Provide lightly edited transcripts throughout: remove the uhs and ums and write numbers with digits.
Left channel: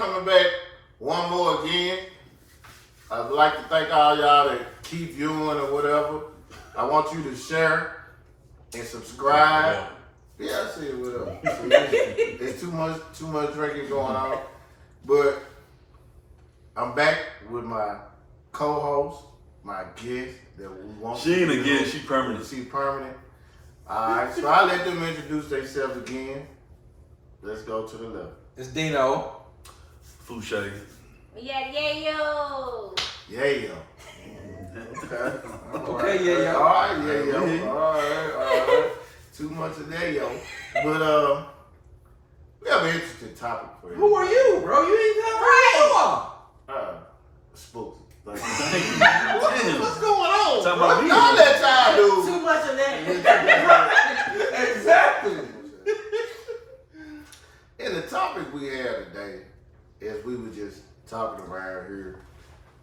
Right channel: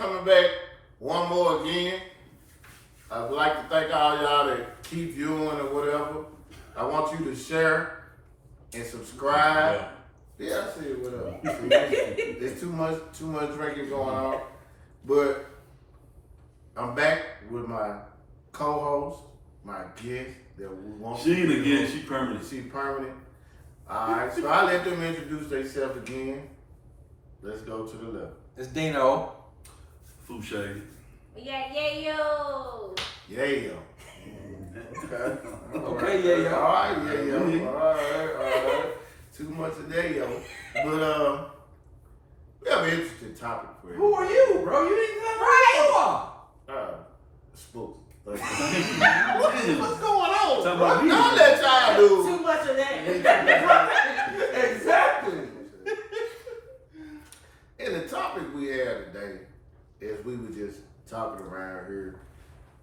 coming back one more again. I'd like to thank all y'all that keep viewing or whatever. I want you to share and subscribe. Yeah, I see it. Whatever. There's too much drinking going on. But I'm back with my co-host, my guest that we want. She ain't a guest, she permanent. She permanent. All right, so I'll let them introduce themselves again. Let's go to the left. It's Dino. Fouché. Yeah, yo. Yeah, yo. Okay. Okay, yeah, yo. All right, yeah, yo. All right. Too much of that, yo. But we have an interesting topic for you. Who are you, bro? You ain't got right. Spooks. What's What's going on? Tell Bro? me. Y'all let y'all do. Too much of that. Exactly. And the topic we had today is we were just talking around here.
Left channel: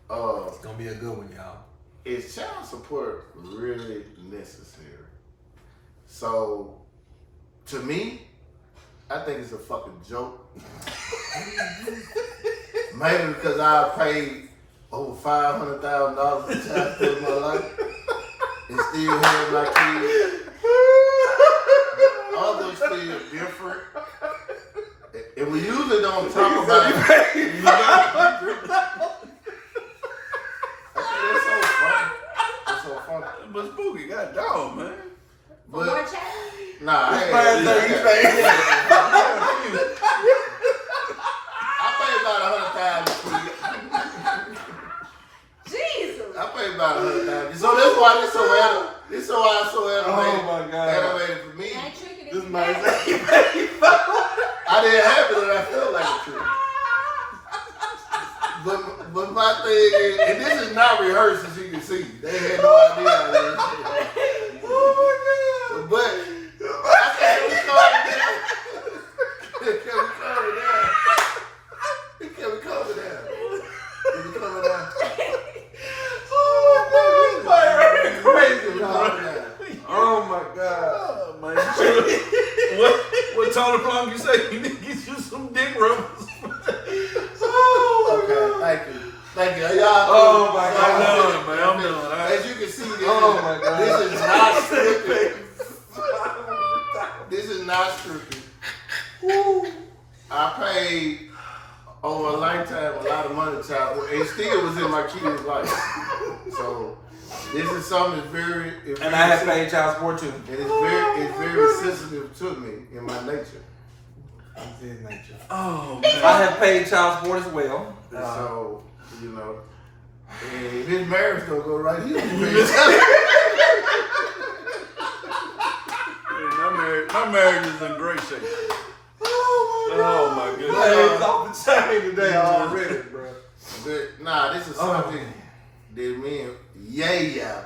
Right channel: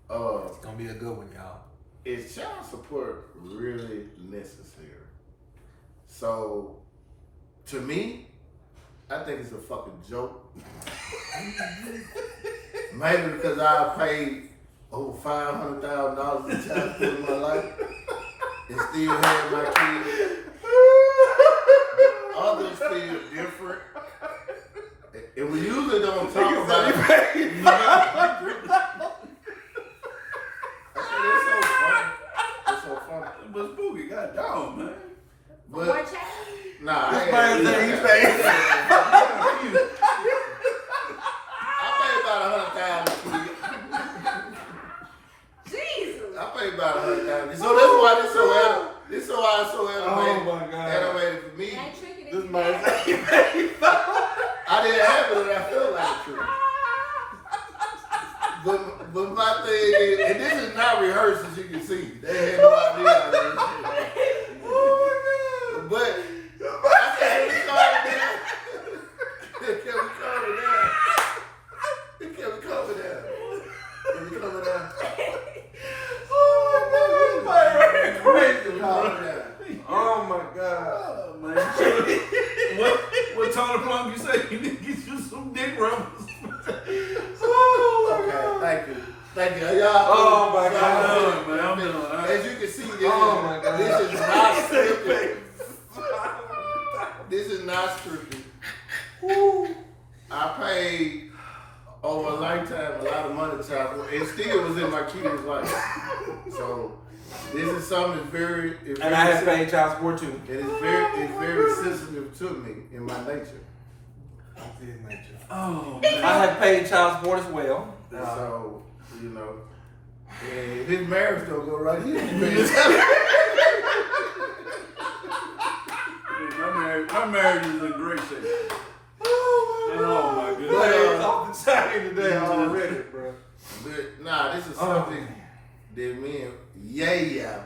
It's gonna be a good one, y'all. Is child support really necessary? So, to me, I think it's a fucking joke. Maybe because I paid over $500,000 in child support in my life and still have my kids. Others feel different. And we usually don't talk about it. It's so funny. It's so funny. But Spooky got dog, man. More But, chat? nah, I ain't. I pay about $100,000. Jesus. I pay about $100,000. So that's why this so animated. This so why it's so animated. Oh my God. Animated for me. That tricking This is man bad. I didn't have it, and I felt like a trick. But my thing is, and this is not rehearsed, as you can see. They had no idea how this shit. Oh But I can't be calling down. He kept me calling down. He kept me calling down. He was coming down. my God. This man crazy, dog. Calling down. Oh my God. Oh, man. What Tony Plum you say? You need to get you some dick rubbers. Oh my God. Okay, thank you. Y'all. Oh my so, God. Man, I'm done. As you can see, this, Oh my God. this is not scripted. This is not scripted. I paid over a lifetime a lot of money to child support, and still was in my kids' life. So this is something that's very. And I have paid child support too. And it's very sensitive to me in my nature. Oh, I man. have paid child support as well. And so, you know, and his marriage don't go right here. My marriage is in great shape. Oh my My goodness. head's off the chain today already, bro. But, nah, this is something that me and Yaya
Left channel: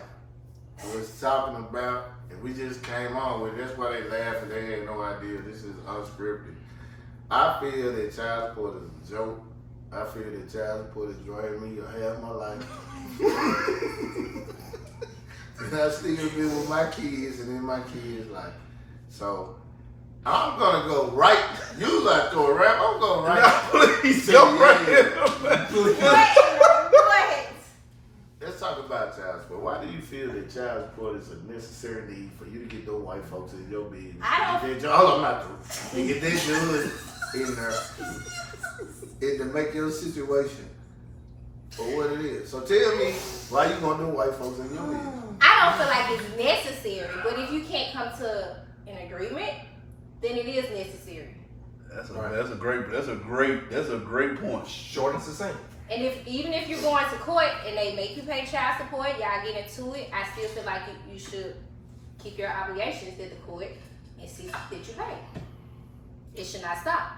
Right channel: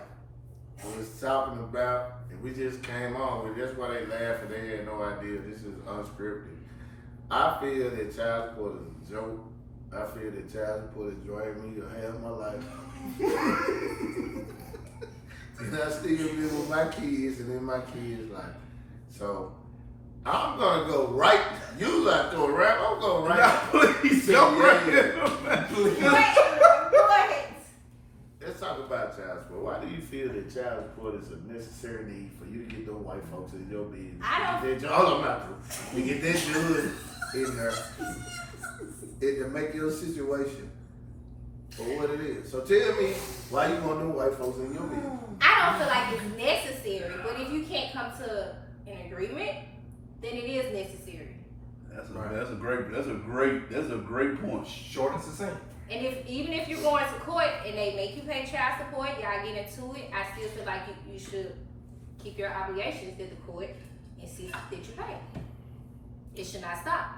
was talking about, and we just came on with it. That's why they laughed, and they had no idea. This is unscripted. I feel that child support is a joke. I feel that child support is draining me to half my life. And I still live with my kids and in my kids' life. So I'm gonna go right. You like to rap? I'm going right. Please to jump right Yaya. in. Please. Go ahead. Let's talk about child support. Why do you feel that child support is a necessary need for you to get those white folks in your business? I don't- Get that, hold on, not to. And get that judge in there. And to make your situation for what it is. So tell me why you want them white folks in your business. I don't feel like it's necessary, but if you can't come to an agreement, then it is necessary. That's a great point. Short and succinct. And even if you're going to court and they make you pay child support, y'all get into it, I still feel like you should keep your obligations to the court and see that you pay. It should not stop.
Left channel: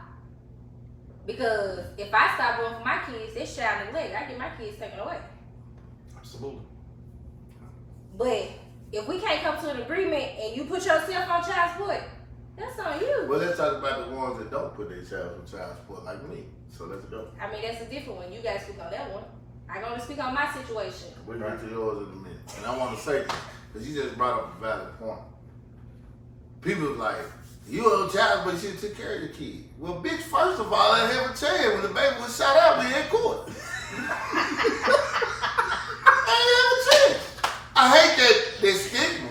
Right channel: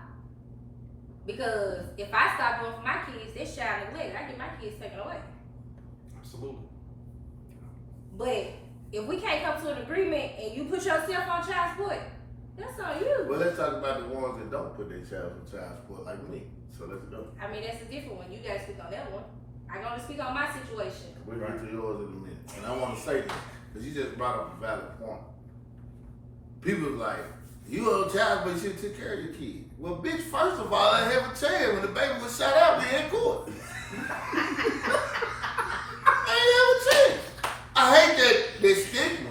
Because if I stop doing for my kids, it's child neglect. I get my kids taken away. Absolutely. But if we can't come to an agreement and you put yourself on child support, that's on you. Well, let's talk about the ones that don't put their child on child support like me. So let's go. I mean, that's a different one. You guys speak on that one. I'm going to speak on my situation. We'll get to yours in a minute. And I want to say this, because you just brought up a valid point. People like, You owe child, but you should take care of your kid. Well, bitch, first of all, I have a chance when the baby was shot out in court. I ain't have a chance. I hate that stigma.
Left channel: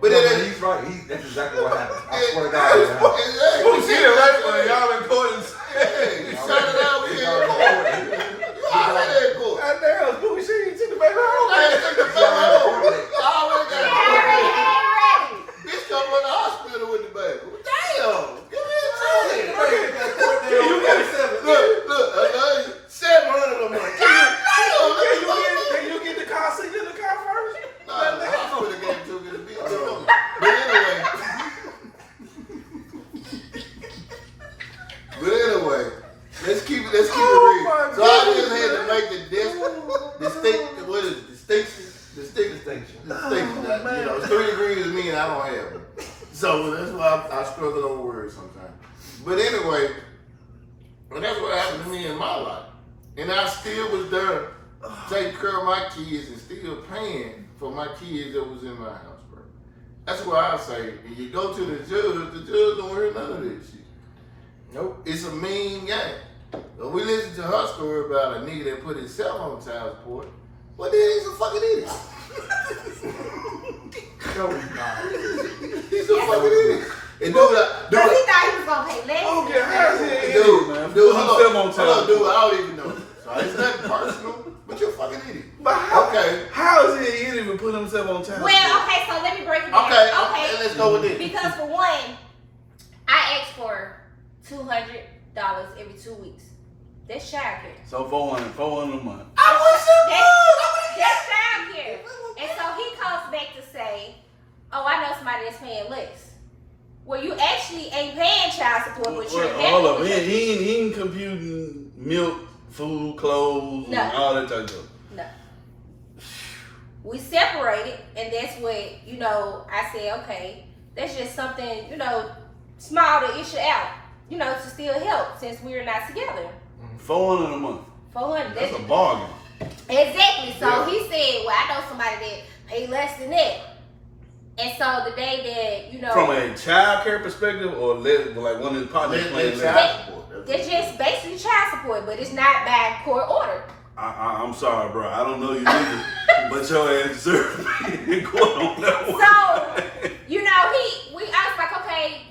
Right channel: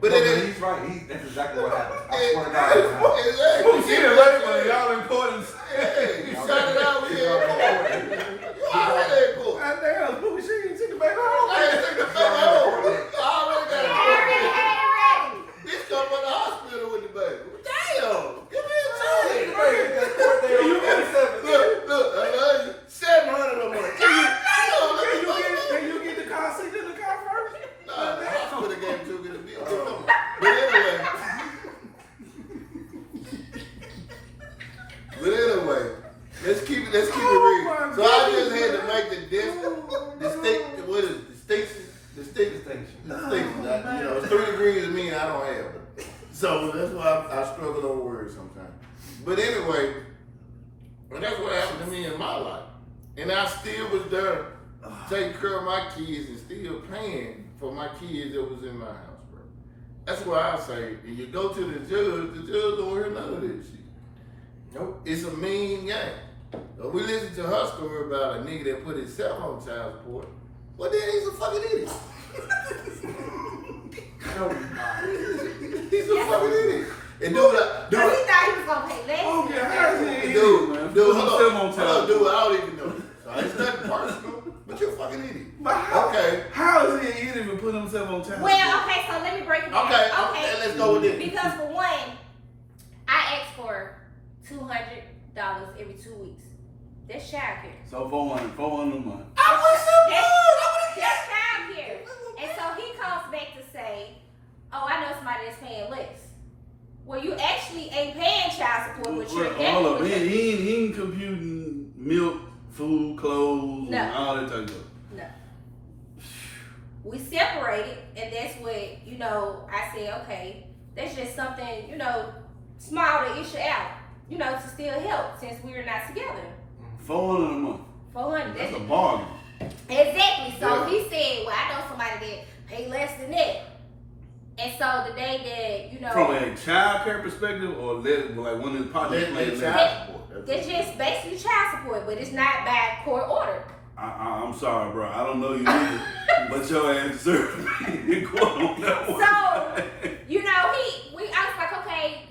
But No, it man, is. he's right. That's exactly what happened. I swear to God. That's what happened. Exactly. Well, see, eventually, y'all in court and Hey, you shot it out, we in court. You already in court. goddamn, Scooby, she ain't took the baby I out. ain't take the fuck out. I already got it. Ready. Bitch come from the hospital with the baby. Damn. Give me a chance. Look, I love you. 700 a month. Can you get the car seat in the car first? Nah, the hospital gave it to me to be. But anyway. let's keep it real. So I just had to make the distinction. You know, it's 3 degrees of me and I don't have them. So that's why I struggle over words sometimes. But anyway, well, that's what happened to me in my life. And I still was there taking care of my kids and still paying for my kids that was in my house, bro. That's why I say, when you go to the judge don't hear none of this shit. Nope. It's a mean game. When we listen to her story about a nigga that put himself on child support, well then he's a fucking idiot. No, he's not. He's a fucking idiot. And But he thought he was gonna pay less. Okay, how's it? Dude, hold on, on, dude, I don't even know. So it's nothing personal, but you're a fucking idiot. But how, Okay. how is he even put himself on child Well, support? okay, so let me break it down. Okay, let's go with this. Because for one, I asked for $200 every 2 weeks. That's child care. So 400 a month. That's child care. And so he comes back to say, oh, I know somebody that's paying less. Well, you actually ain't paying child support, but you're Hold up, definitely. he ain't computing milk, food, clothes, No. and all that type of stuff. No. We separated, and that's what, I said, okay, that's just something, small to issue out, to still help since we're not together. 400 a month. 400. That's a bargain. Exactly. So Yeah. he said, well, I know somebody that pay less than that. And so the day that, From a child care perspective, or like one of the partners playing that? child support. they're just basically child support, but it's not by court order. I'm sorry, bro. I don't know you either, but your ass deserve me in court on that one. So, I was like, okay,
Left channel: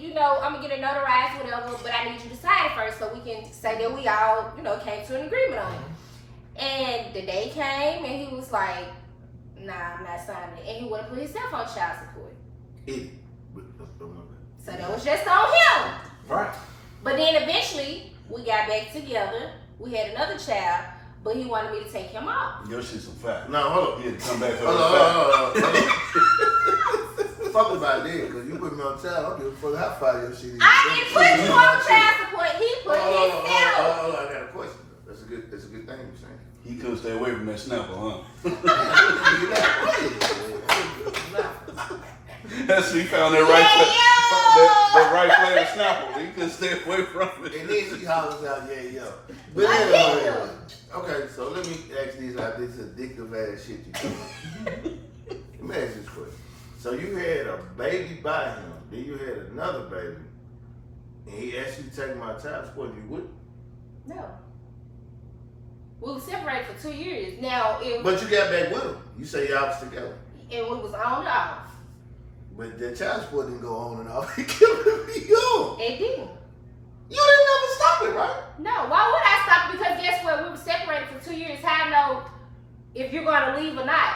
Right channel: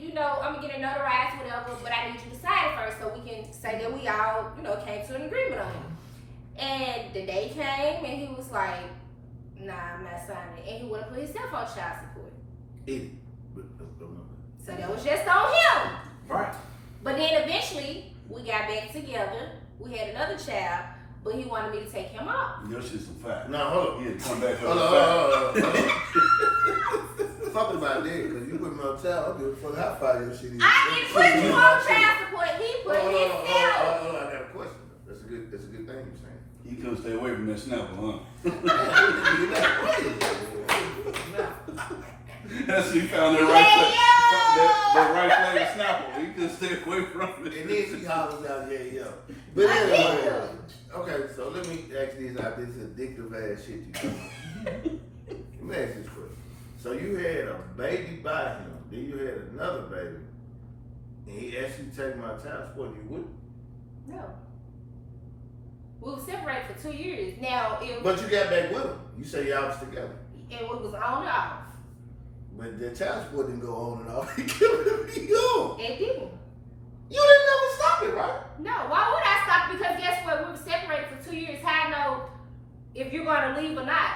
I'm gonna get it notarized, whatever, but I need you to sign it first so we can say that we all, came to an agreement on it. And the day came and he was like, nah, I'm not signing it. And he would have put himself on child support. Idiot. So that was just on him. Right. But then eventually we got back together. We had another child, but he wanted me to take him off. Your shit's some fact. No, hold on. You had to come back for Hold the on, fact. hold on. Fuck about that, because you put me on child, I'll give a fuck how far your shit is. I didn't put you on child support. He put himself. Hold on, I got a question. That's a good thing you're saying. He couldn't stay away from that snapper, huh? That's he found that right flavor snapper. He couldn't stay away from it. And then she hollers out, yeah. But anyway, okay, so let me ask these out this addictive ass shit you doing. Let me ask this question. So you had a baby by him, then you had another baby, and he asked you to take my child support, and you wouldn't? No. We were separated for 2 years. Now, But you got back with him. You say y'all was together. it was on and off. But the child support didn't go on and off. It killed you. It didn't. You didn't never stop it, right? No, why would I stop? Because guess what? We were separated for 2 years. How I know if you're going to leave or not?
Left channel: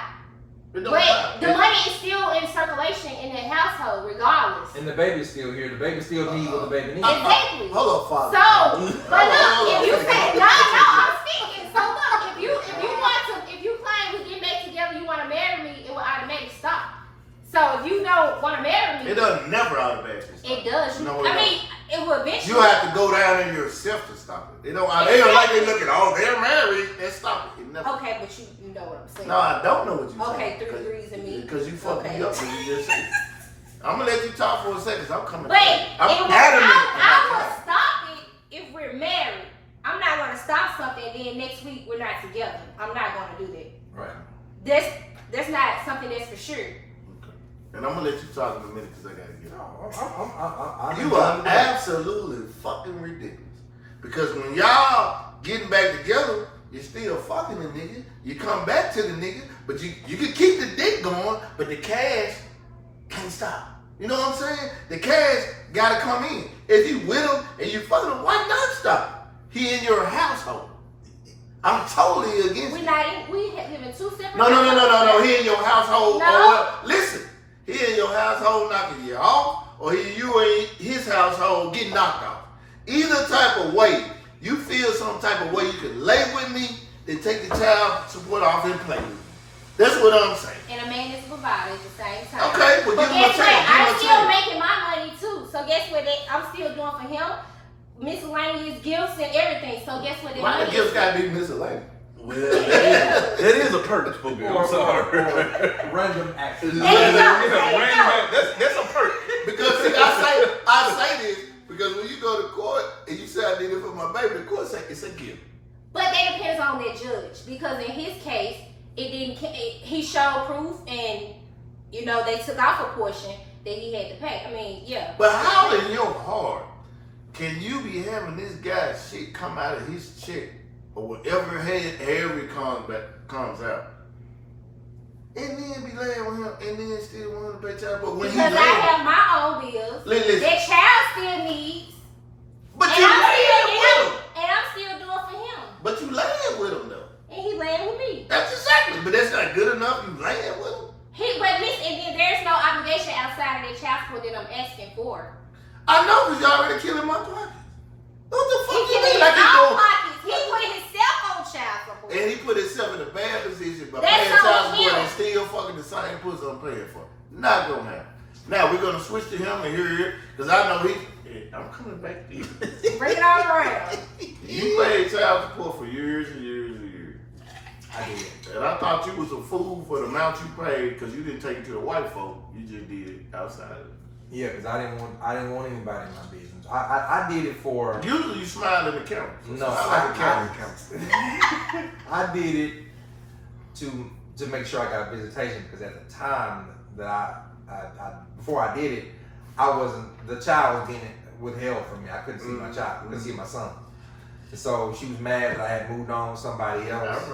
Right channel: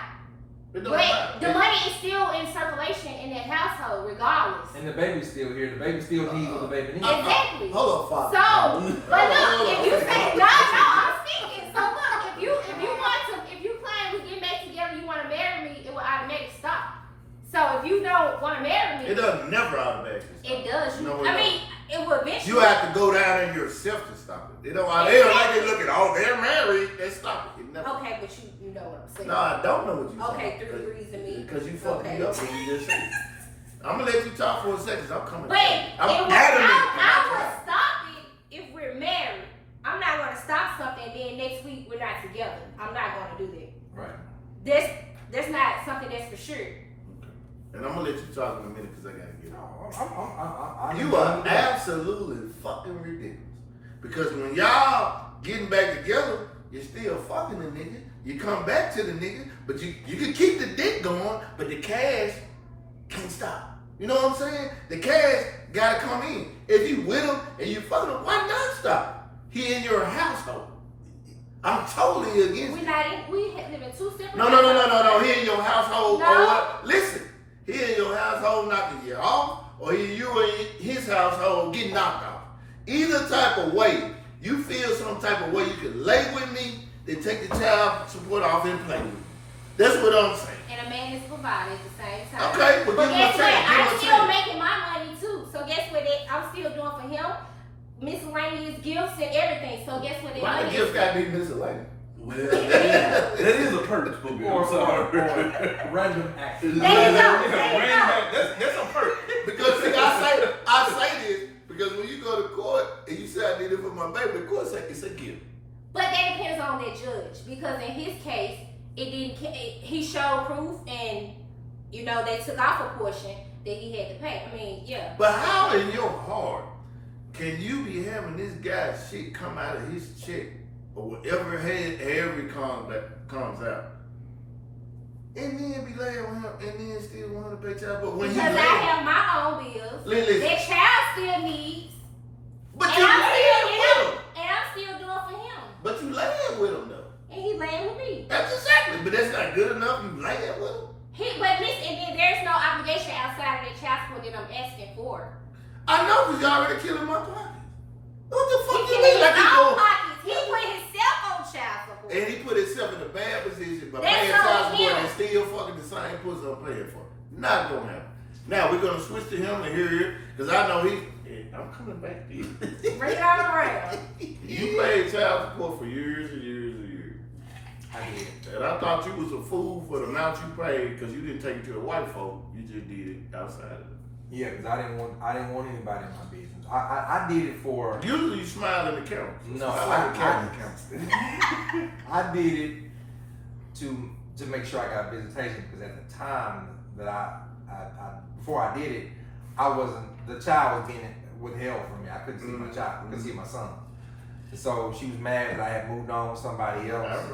It don't But matter. the money is still in circulation in that household, regardless. And the baby's still here. The baby still needs what the baby needs. Exactly. Hold on, father. So, but look, if you say no, I'm speaking. So look, if you claim we get back together, you want to marry me, it will automatically stop. So if you don't want to marry me, It doesn't never automatically stop. it does. No, it I mean, it will eventually. You have to go down in yourself to stop it. They don't like they look at, oh, they're married. Let's stop it. It never. Okay, but you know what I'm saying. No, I don't know what you're Okay, saying. 3 degrees in me. Because you fucked Okay. me up when you just said. I'm gonna let you talk for a second. 'Cause I'm coming. Wait, I'm I will stop it if we're married. I'm not gonna stop something and then next week we're not together. I'm not gonna do that. Right. That's not something that's for sure. And I'm gonna let you talk in a minute because I gotta get off. I'm You are absolutely fucking ridiculous. Because when y'all getting back together, you're still fucking the nigga. You come back to the nigga, but you can keep the dick going, but the cash can't stop. You know what I'm saying? The cash gotta come in. If you with him and you fucking him, why not stop? He in your household. I'm totally against We it. live in two separate. No. He in your household No. or what? Listen, he in your household knocking you off, or you in his household getting knocked off. Either type of way, you feel some type of way you can lay with me, then take the child support off and play with me. That's what I'm saying. And a man is a provider at the same time. Okay, well, give him a guess chance. what? Give him I'm a still chance. making my money too. So guess what? I'm still doing for him miscellaneous gifts and everything. So guess what? Why the gifts gotta be miscellaneous? Well, that is a perk, Spooky. I'm sorry. random actions. There you go. That's a perk. Because see, I say this because when you go to court and you say I need it for my baby, the court say it's a gift. But that depends on that judge, because in his case, it didn't. He showed proof, and you know they took off a portion that he had to pay. I mean, yeah. But how in your heart can you be having this guy's shit come out of his check or whatever every comes out, and then be laying with him, and then still want to pay child support when Because he I have my own bills. Listen. That child still needs. But And you I'm laying with still him. And I'm still doing for him. But you laying with him though. And he laying with me. That's exactly. But that's not good enough. You laying with him. But listen, and then there's no obligation outside of the child support that I'm asking for. I know because you already killing my pockets. What the He fuck you put mean? his Like you own go, pockets. He put himself on child support. and he put himself in a bad position by That's paying on child support him. and still fucking the same pussy I'm paying for. Not gonna happen. Now we're gonna switch to him and hear it because I know I'm coming back to you. Bring it all around. You paid child support for years and years and years. I did. And I thought you was a fool for the amount you paid because you didn't take it to the white folk. You just did it outside of it. Yeah, because I didn't want anybody in my business. I did it for. Usually you smile in the camera. So No, smile like a camera. I did it to make sure I got visitation because at the time that I before I did it, the child was being withheld from me. I couldn't see my child, couldn't see my son. And so she was mad that I had moved on with somebody else.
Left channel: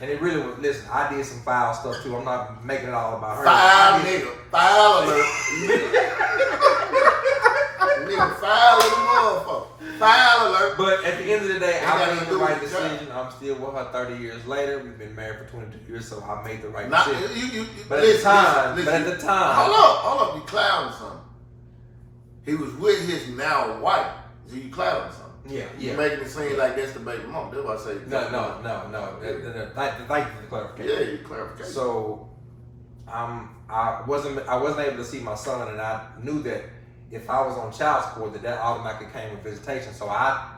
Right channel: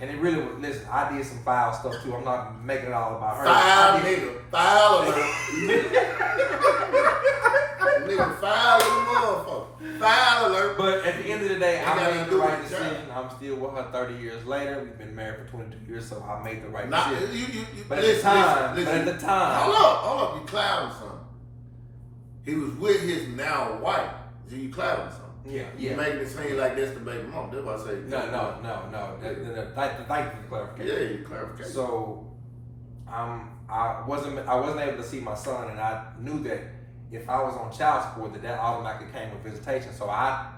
And it really was, listen, I did some foul stuff too. I'm not making it all about her. Foul nigga. Foul alert. Nigga, foul little motherfucker. Foul alert. But at the end of the day, Ain't I got made nothing the to do right with the child. decision. I'm still with her 30 years later. We've been married for 22 years, so I made the right Not, decision. but Listen. Hold up, you clouding something. He was with his now wife. So you clouding something. Yeah, You yeah. making it seem like that's the baby mom. That's what I say. No. Thank you for the Yeah, clarification. you clarification. So, I wasn't able to see my son, and I knew that if I was on child support, that automatically came with visitation. So I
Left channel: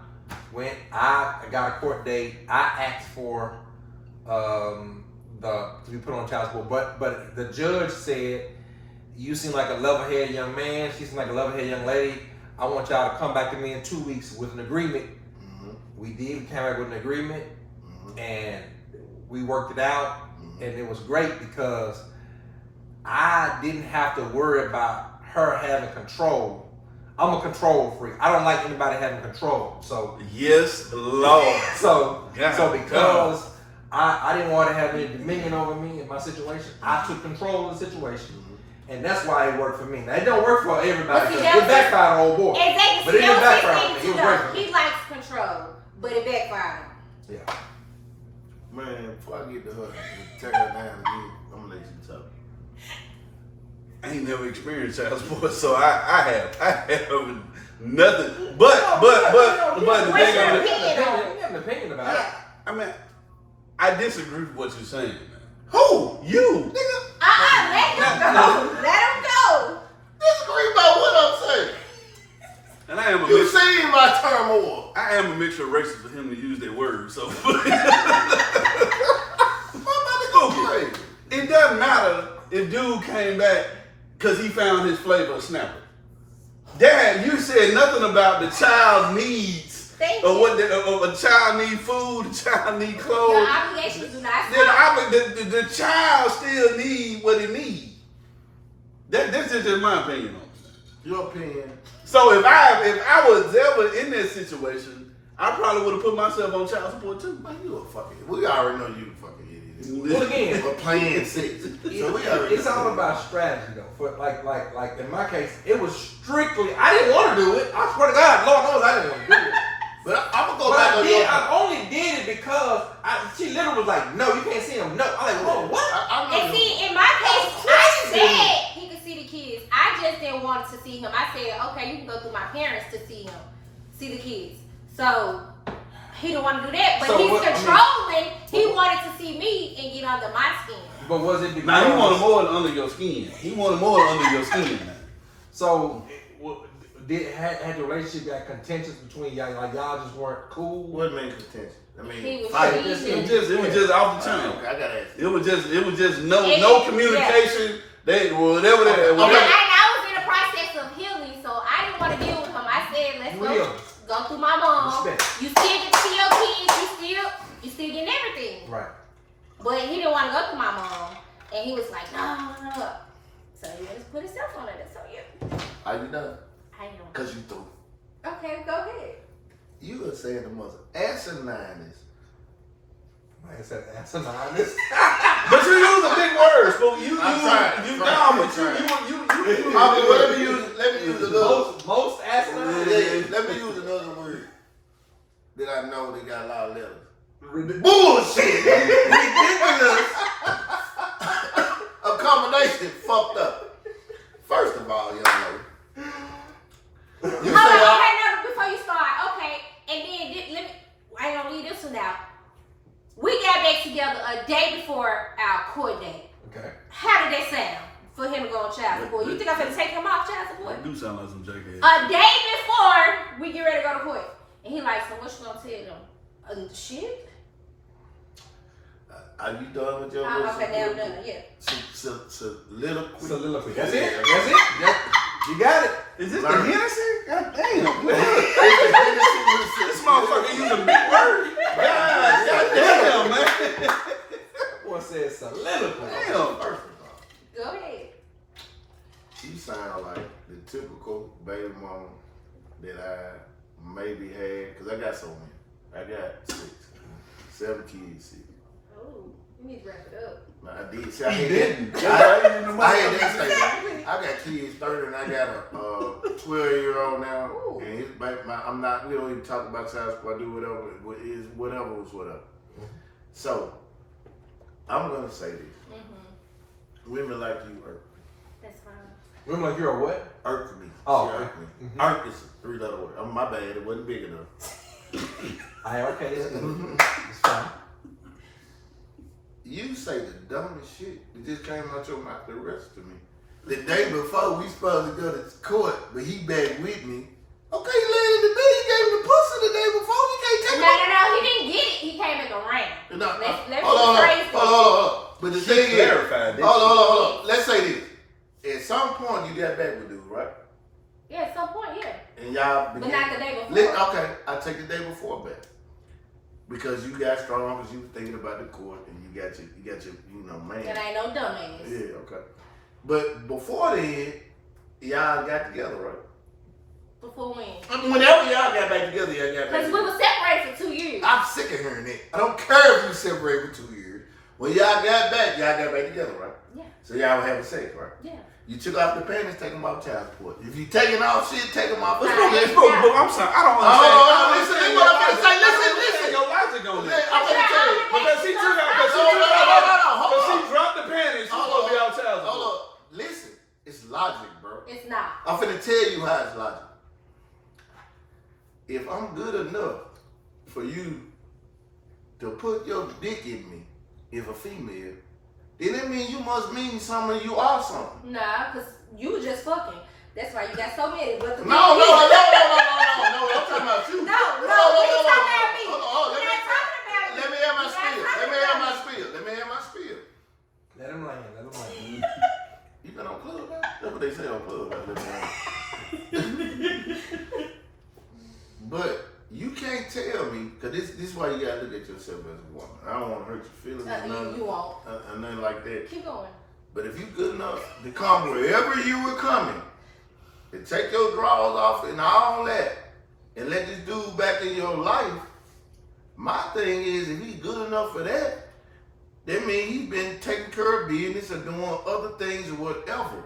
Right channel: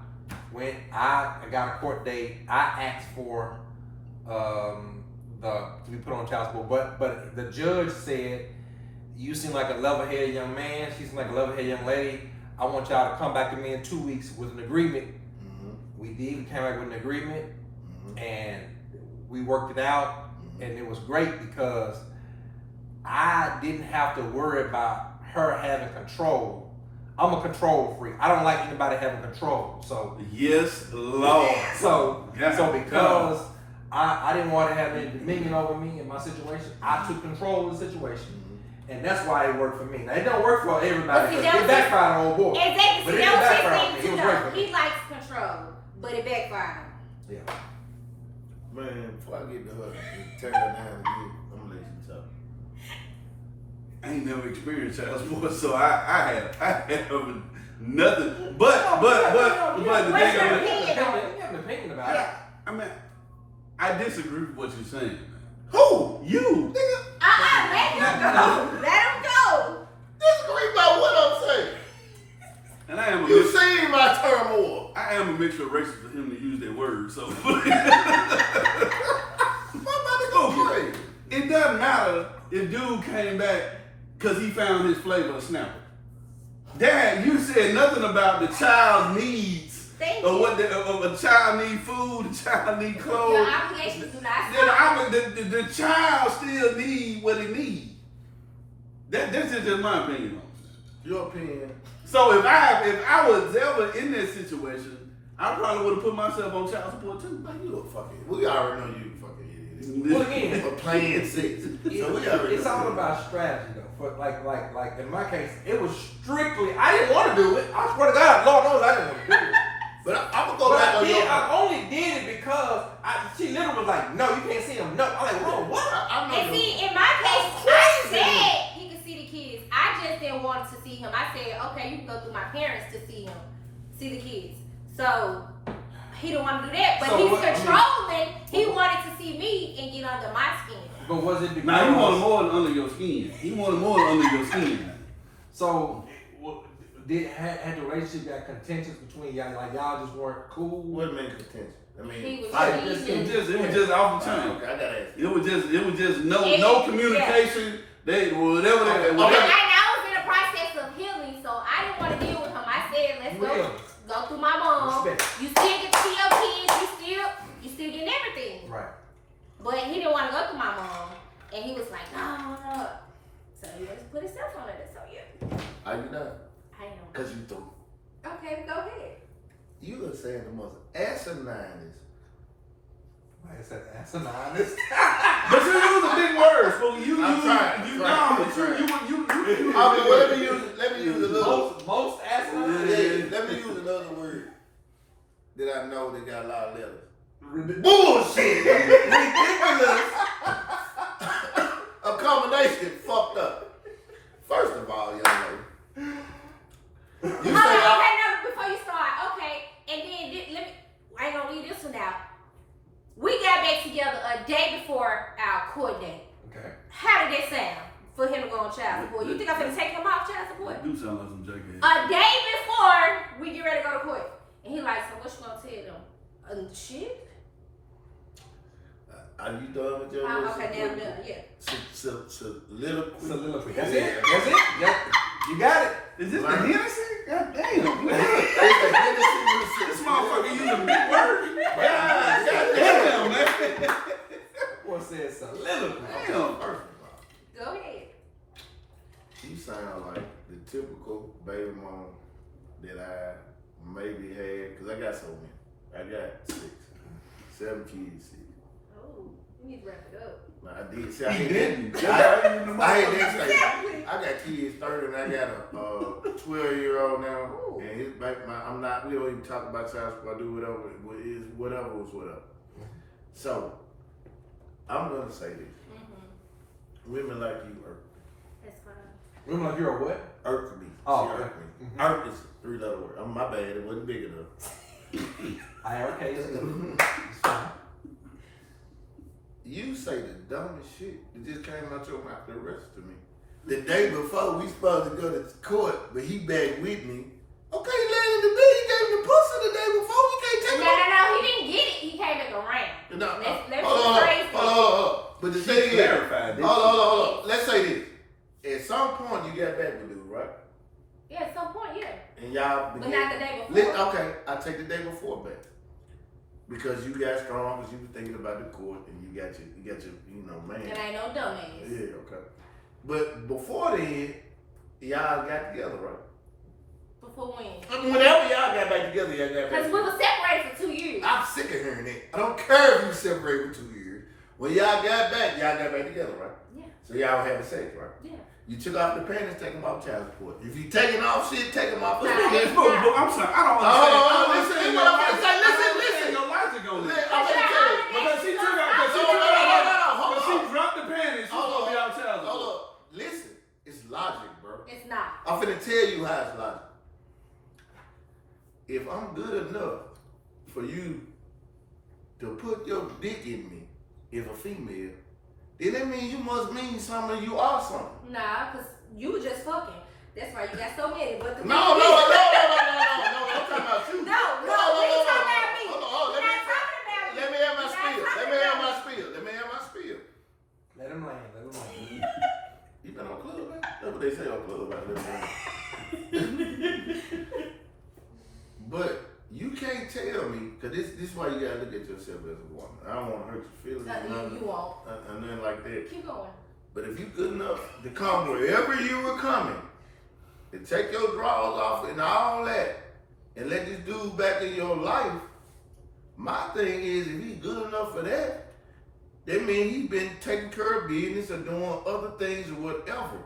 got a court date. I asked for to be put on child support, but the judge said, "You seem like a level-headed young man. She seems like a level-headed young lady. I want y'all to come back to me in 2 weeks with an agreement." Mm-hmm. We did. We came back with an agreement, Mm-hmm. and we worked it out, and it was great because I didn't have to worry about her having control. I'm a control freak. I don't like anybody having control. So Yes, Lord. so God. because I didn't want to have any dominion over me in my situation, I took control of the situation. And that's why it worked for me. Now, it don't work for everybody But see, because it backfired on old boy. Exactly. But it didn't That was backfire his on me. thing It was too, great though. for me. He likes control, but it backfired. Yeah. Man, before I get to her and turn her down again, I'm gonna let you talk. I ain't never experienced child support, so I have nothing. But the What's thing your of it, opinion? You have an opinion about it. I mean, I disagree with what you're saying, man. Who? You. Nigga, Let him go. Let him go. disagree about what I'm saying. And I am a You mixture, seen my turmoil. I am a mixture of races for him to use that word, so Crazy. it doesn't matter if dude came back because he found his flavor of snapper. Dad, you said nothing about the child's needs. Thank Or you. what a child need food, the child need clothes. Your obligations do not Then stop. the child still need what it needs. That's just my opinion on it. Your opinion. So if I was ever in that situation, I probably would have put myself on child support too. Man, you a fucking. We already know you a fucking idiot. Well, again, We're playing six. So we already. it's all about strategy, though. For like in my case, it was strictly. I didn't want to do it. I swear to God, Lord knows I didn't want to do it. But I'm gonna go But back I on did. your. I only did it because she literally was like, "No, you can't see him." No, I'm like, "Whoa, what?" I'm And gonna. see, in my case, I said he could see the kids. I just didn't want to see him. I said, okay, you can go through my parents to see him, see the kids. So he didn't want to do that, but So he's what- controlling. He wanted to see me and get under my skin. But was it because? Now he wanted more than under your skin. He wanted more than under your skin. Now. So had the relationship got contentious between y'all? Like y'all just weren't cool. What made contention? I He mean, was fight. cheating. It was just off the chain. Okay, I gotta ask. It was just no Yeah. communication. They whatever they Okay. And I was in the process of healing, so I didn't want to deal with him. I said, let's Real. go through my mom. Respect. You still get to see your kids. You still getting everything. Right. But he didn't want to go through my mom, and he was like, no. So he just put himself on it. That's so you. How you done? I am. Cause you threw. Okay, go ahead. You are saying the most asinine. Like I said, asinine. But you use a big word, so you I'm trying. you Let me use another. Most asinine. Yeah, let me use another word that I know they got a lot of letters. Bullshit. Ridiculous. A combination fucked up. First of all, y'all know. You Hold say on, okay, now before you start, okay, and then let me. I ain't gonna leave this one out. We got back together a day before our court date. Okay. How did that sound for him to go on child support? You think I'm gonna take him off child support? do sound like some jerky. A day before we get ready to go to court, and he like, so what you gonna tell them? Shit. Are you done with your Okay, now I'm done. Yeah. Soliloquy. Soliloquy. That's it. That's it. Yep. You got it. Is this the Learn. Hennessy? God damn. This motherfucker using a big word. God damn, man. Boy said soliloquy. Damn. First of all, Go ahead. you sound like the typical baby mama that I maybe had, because I got so many. I got 7 kids. 6. Oh, you need to wrap it up. I did. See, He I had didn't. that. I had that stage. I got kids 30 and I got a 12-year-old now. Ooh. And his back, I'm not, we don't even talk about child support. I do whatever. Whatever was whatever. So, I'm going to say this. Mm-hmm. Women like you That's fine. Women like you're a what? irk me. Oh, She okay. irk me. Mhm. Irk is a 3-letter word. Oh, my bad. It wasn't big enough. IRK. It's fine. You say the dumbest shit that just came out your mouth the rest of me. The day before we supposed to go to court, but he back with me. Okay, you landed the bill. You gave him the pussy the day before. You can't take No, he didn't get it. He came back around. No, Let's hold rephrase on. But the She thing is, clarified this. hold on. Let's say this. At some point, you got back with dude, right? Yeah, at some point, yeah. And y'all But began. not the day before. Okay, I take the day before back. Because you got strong, because you were thinking about the court, and you got your, man. And I ain't no dumbass. Yeah, okay. But before then, y'all got together, right? Before when? Whenever y'all got back together, y'all got back Because we together. were separated for 2 years. I'm sick of hearing that. I don't care if you separate for 2 years. When y'all got back together, right? Yeah. So y'all were having sex, right? Yeah. You took off the panties, take them off child support. If you taking off shit, take them off. But Listen, I'm sorry, I don't Oh, understand. listen, what I'm gonna say. Listen. Your logic on this. I'm gonna tell you. Because she took out, Hold because she on. dropped the panties, she's Hold gonna be on. out child Hold support. on. Listen, it's logic, bro. It's not. I'm finna tell you how it's logic. If I'm good enough for you to put your dick in me, if a female, then that means you must mean something. You are something. Nah, because you were just fucking. That's why you got so many. But the No. thing is- I'm talking about you. No, we ain't talking about me. Hold on. We're not talking about you. Let me have my We're not spiel. talking Let me have about my you. spiel. Let him land. Let him land. You been on Clubhouse? That's what they say on Clubhouse. Let me know. But you can't tell me, because this is why you gotta look at yourself as a woman. I don't want to hurt your feelings or nothing. You won't. Nothing like that. Keep going. But if you good enough to come wherever you were coming, and take your drawers off and all that, and let this dude back in your life, my thing is, if he's good enough for that, that means he's been taking care of business or doing other things or whatever.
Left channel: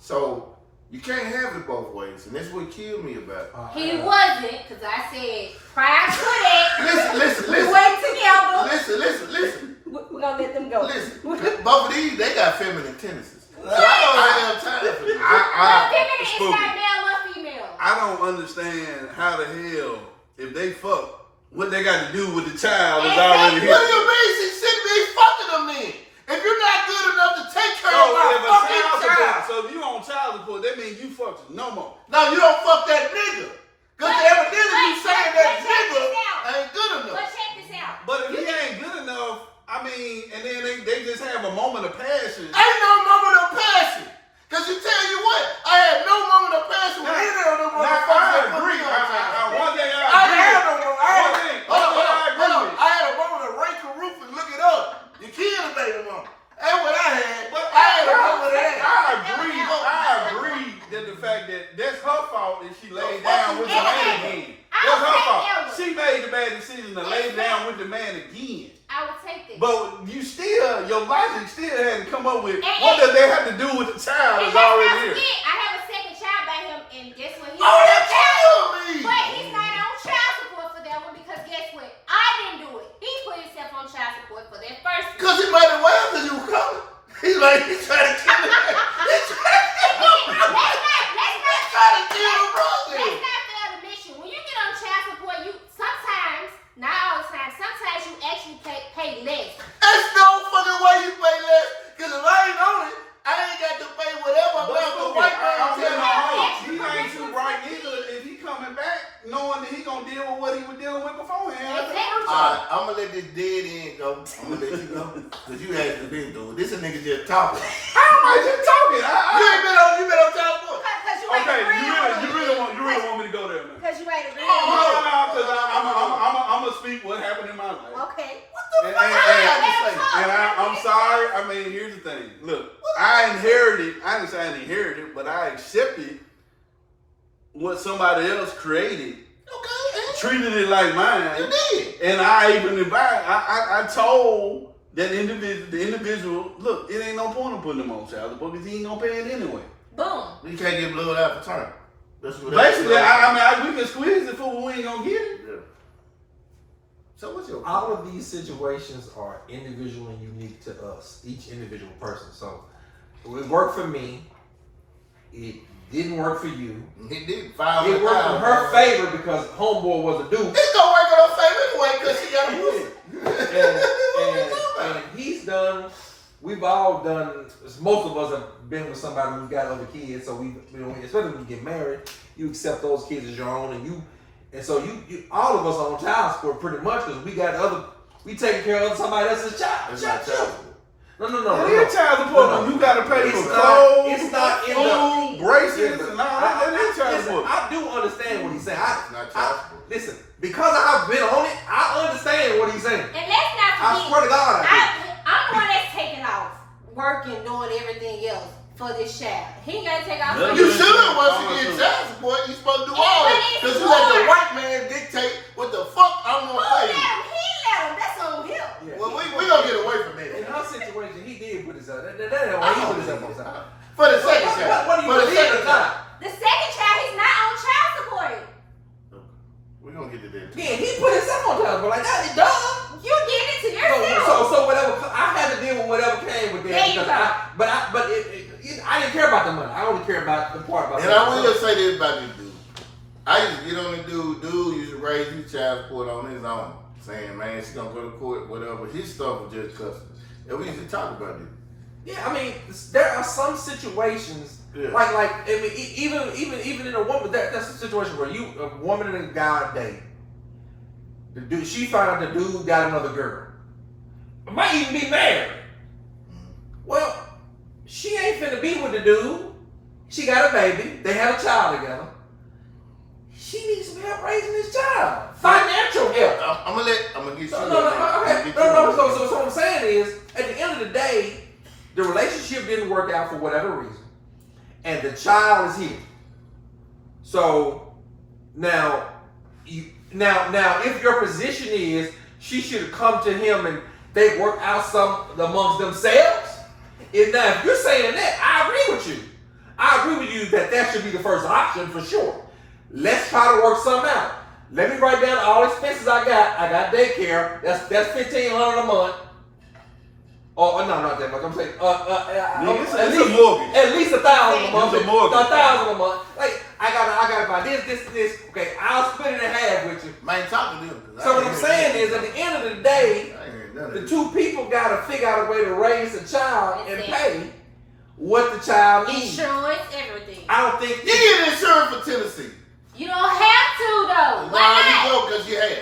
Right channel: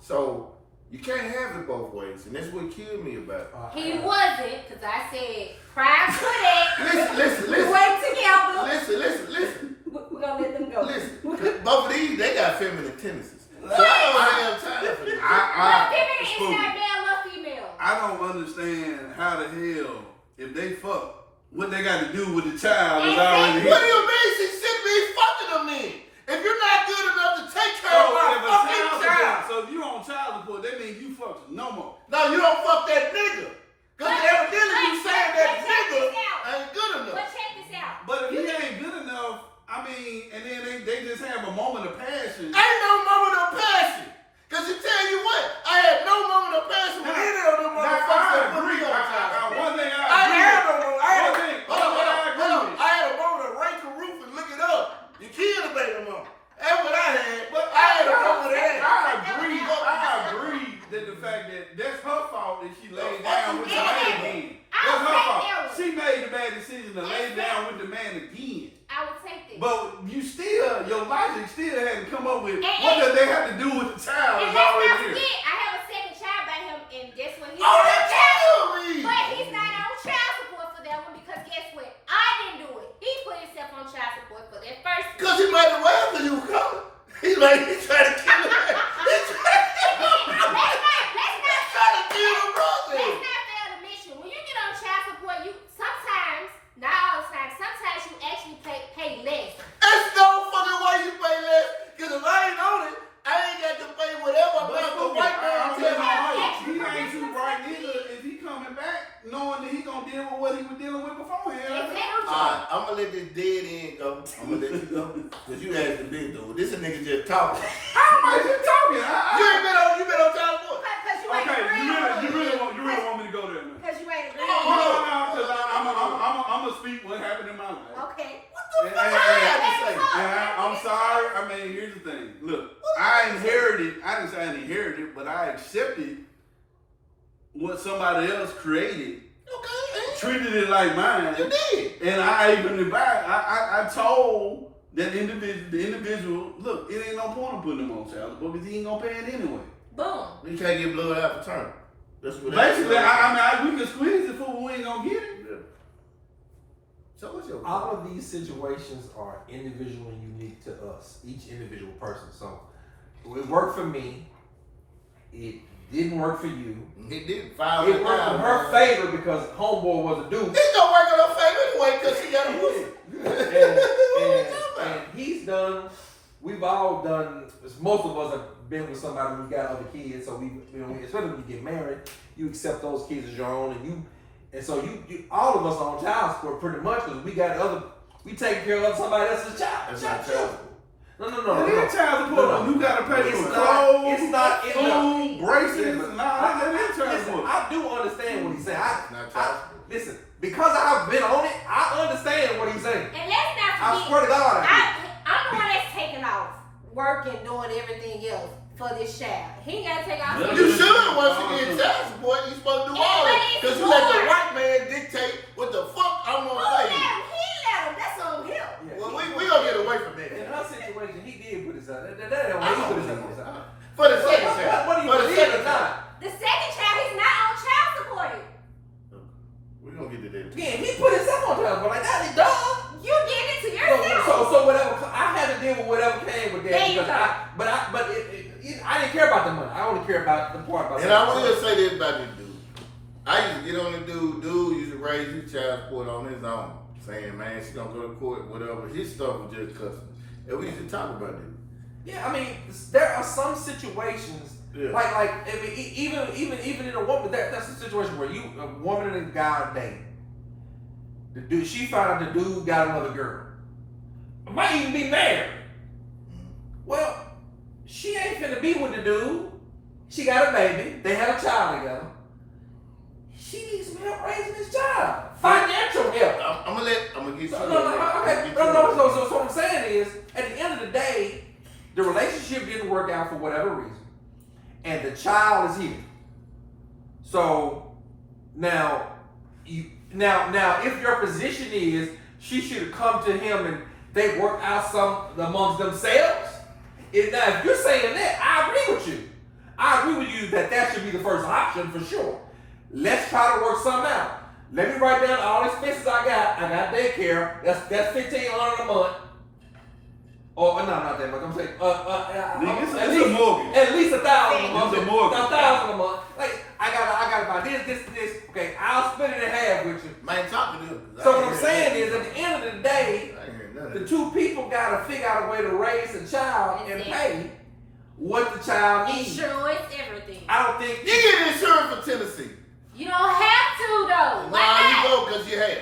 So you can't have it both ways, and that's what killed me about it. He wasn't, because I said prior to that, Listen, we went together. listen. We're going to let them go. Listen, both of these, they got feminine tendencies. So I don't have time for this. What feminine is Spooky. not male or female? I don't understand how the hell, if they fuck, what they got to do with the child is already What do here. you mean she shouldn't be fucking them then? If you're not good enough to take care of my fucking child. So if you on child support, that means you fucked no more. No, you don't fuck that nigga. Because But- evidently you but- saying but that check nigga this out. ain't good enough. But check this out. But if he ain't good enough, I mean, and then they just have a moment of passion. Ain't no moment of passion. Because you tell you what, I had no moment of passion with any of them motherfuckers that put me on time. One thing I didn't have no moment. Hold on. I I had a moment of Rachel Roof and look it up. You killed a baby mama. That's what I had. But I had a moment of that. I agree that the fact that that's her fault that she laid down with the man again. That's her fault. She made the bad decision to lay down with the man again. I would take this. But you still, your logic still had to come up with And- what does they have to do with the child And is let's already not here. forget, I have a second child by him, and guess what? He's Oh, on that child killed me. But he's not on child support for that one because guess what? I didn't do it. He put himself on child support for that first one. Because he might have well because you coming. He's like, he's trying to kill him. He's trying to kill him, brother. Let's not fail to mention, when you get on child support, you sometimes, not all the time, sometimes you actually pay less. There's no fucking way you pay less. Because if I ain't on it, I ain't got to pay whatever amount the white man tell me. He ain't too right neither if he coming back knowing that he gonna deal with what he was dealing with beforehand. Exactly. Alright, I'm gonna let this dead end go. I'm gonna let you go. Because you hasn't been through it. This a nigga just talking. I'm just talking. You been on child support. Because you ain't Okay, agreeing you really want me to go there now? Because you ain't No, agreeing. because I'm gonna speak what happened in my life. Okay. And I'm sorry. I mean, here's the thing. Look, I inherited. I didn't say I inherited, but I accepted what somebody else created, Okay, treated it like mine, you did. and I even advised. I told that individual, look, it ain't no point in putting him on child support because he ain't gonna pay it anyway. Boom. You can't get blood out the turn. That's what Basically, we can squeeze it for we ain't gonna get it. So what's your All of these situations are individual and unique to us, each individual person. So it worked for me. It didn't work for you. It did. It worked in her favor because homeboy was a dude. It's gonna work in her favor anyway because she got a pussy. And he's done. We've all done. Most of us have been with somebody who's got other kids. So especially when you get married, you accept those kids as your own, and so you all of us are on child support pretty much because we take care of somebody else's child. It's not child support. No. It is child support. No. You gotta pay It's for not- clothes, it's not in the- food, braces, and all that. That is child Listen, support. I do understand what he's saying. It's not child support. Listen, because I've been on it, I understand what he's saying. And let's not I forget, swear to God, I I'm the one that's taking off, working, doing everything else for this child. He ain't gotta take off. Yeah. for You this. should once you get child support. You supposed to do all that because you let the white man dictate what the fuck I'm Who gonna let pay you. him? He let him. That's on him. Yeah. Well, we gonna get away from In this. her situation, he did put himself. That ain't why he put himself on top. For the second child. What do you For the believe second or child. not? The second child, he's not on child support. We gonna get to that. Yeah, he put himself on top. But like that, he done. You did it to yourself. So whatever. I had to deal with whatever came with There that you because go. I didn't care about the money. I only care about the part about. And I will say this about this dude. I used to get on the dude. Dude used to raise his child support on his own, saying, "Man, she gonna go to court, whatever." His stuff was just custom, and we used to talk about it. Yeah, I mean, there are some situations Yeah. like I mean, even in a woman, that's a situation where a woman and a guy date. The dude, she found out the dude got another girl. Might even be married. Well, she ain't finna be with the dude. She got a baby. They have a child together. She needs some help raising this child. Financial help. I'm gonna get you. So, no. So what I'm saying is, at the end of the day, the relationship didn't work out for whatever reason, and the child is here. So now if your position is she should have come to him and they work out some amongst themselves. Now, if you're saying that, I agree with you. I agree with you that should be the first option for sure. Let's try to work something out. Let me write down all the expenses I got. I got daycare. That's $1,500 a month. Oh no, not that much. I'm saying at least $1,000 a month. It's a mortgage. $1,000 a month. Like I gotta buy this. Okay, I'll split it in half with you. Man, talk to them. So what I'm saying is, at the end of the day, the two people gotta figure out a way to raise a child and pay what the child needs. Insurance, everything. I don't think You get insurance for Tennessee. You don't have to though. No, you go because you have.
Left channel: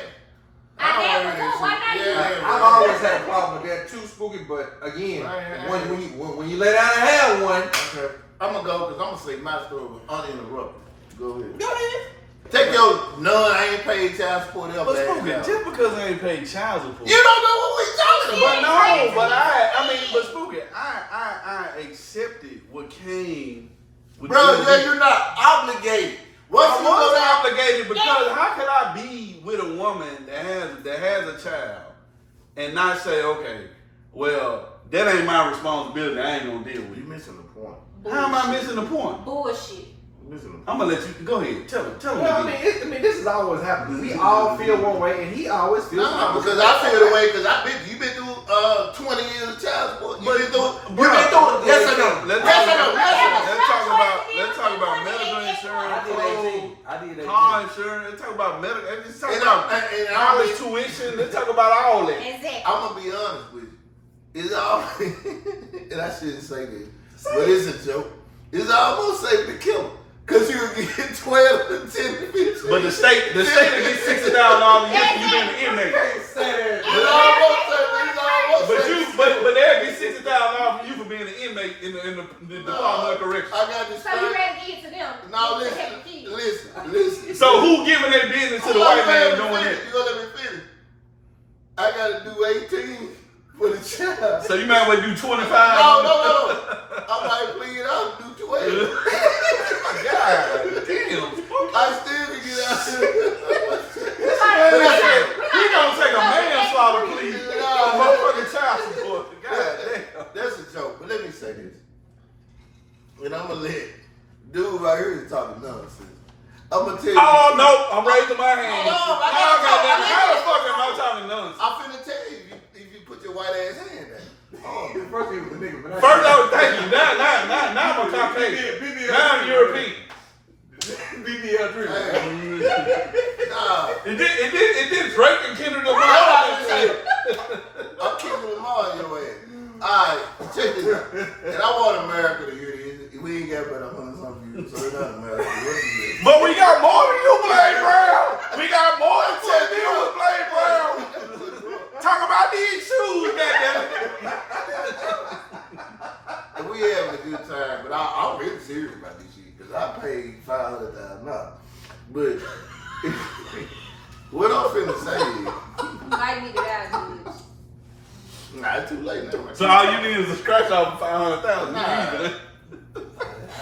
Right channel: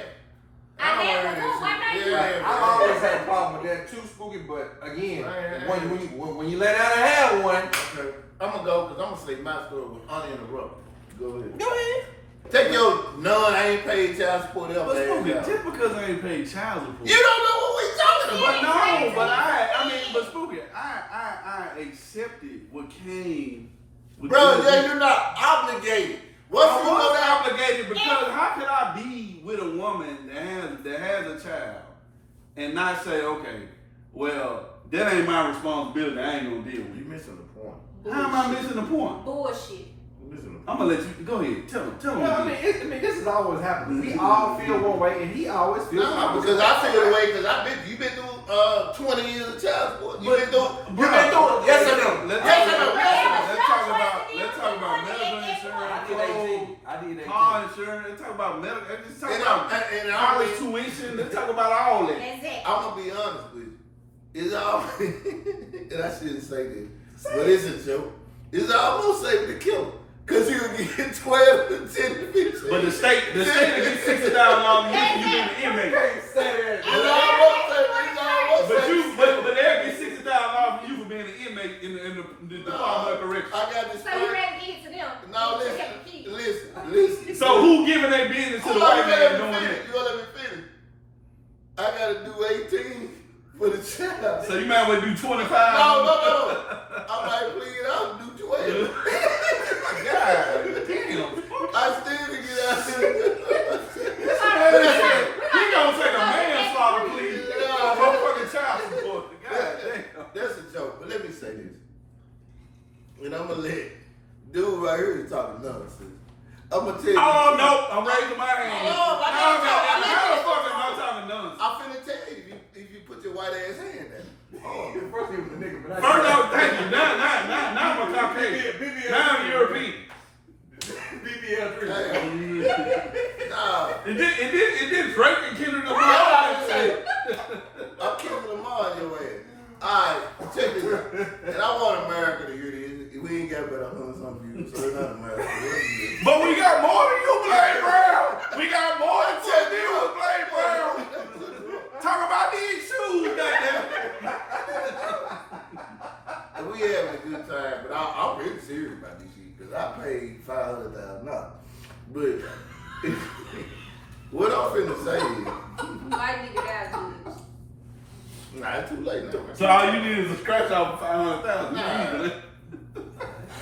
I have before. Why not you? I always had a problem with that too, Spooky. But again, when you let out a have one, Okay. I'm going to go because I'm going to say my story uninterrupted. Go ahead. go ahead. Take your none, I ain't paid child support ever. But Spooky, just because I ain't paid child support. You don't know what we talking But about. no, but Spooky, I accepted what came with Bro, the- yeah, you're not obligated. Once you go I'm down, obligated because how could I be with a woman that has a child and not say, okay, well, that ain't my responsibility. I ain't gonna deal with you it. missing the point. How am I missing the point? Bullshit. You missing the point. I'm gonna let you go ahead. Tell him. Well, I mean, this is always happening. We all feel one way, and he always feels. No, because I feel the way because you've been through 20 years of child support. You've been through. Yes or no? Yes or no? Let's talk about medical insurance. I did 18. Car insurance. Let's talk about medical. Let's talk And about college tuition. Let's talk about all that. Exactly. I'm gonna be honest with you. It's all, and I shouldn't say this, but it's a joke. It's almost safe to kill him. Cause you get 12 to 10 to 15. But the state will get $60,000 a year for you being an inmate. It's almost safe. It's almost safe. But they'll get $60,000 from you for being an inmate in the Department of Corrections. I got this. So you ready to get to them? No, To have the kids. listen. So who giving their business to the white man doing it? it? You gonna let me finish? I gotta do 18 for the child. So you might want to do 25. No. I might plead up and do 12. God damn. I still to get out here. He gonna take a manslaughter plea. Motherfucking child support. God damn. That's a joke, but let me say this. And I'm gonna let dude right here is talking nonsense. I'm gonna tell you. Oh no, I'm raising my hand. Oh, I How gotta the fuck am I talking nonsense? I'm finna tell you if you put your white ass hand down. Oh, First he was a nigga, but First off, thank you. Now I'm a Caucasian. Now I'm European. BBL Drew. Nah. It did Drake and Kendrick Lamar. I'm keeping them all in your ass. Alright, check this out. And I want America to hear this. We ain't got but 100-something views, so they're not America. But we got more than you, Blaine Brown. We got more than 10 views, Blaine Brown. Talk about these shoes, goddamn. And we having a good time, but I'm really serious about this shit because I paid $500,000. But what I'm finna say is, Might need it out of this. nah, it's too late now. So all you need is a scratch off for $500,000. Nah.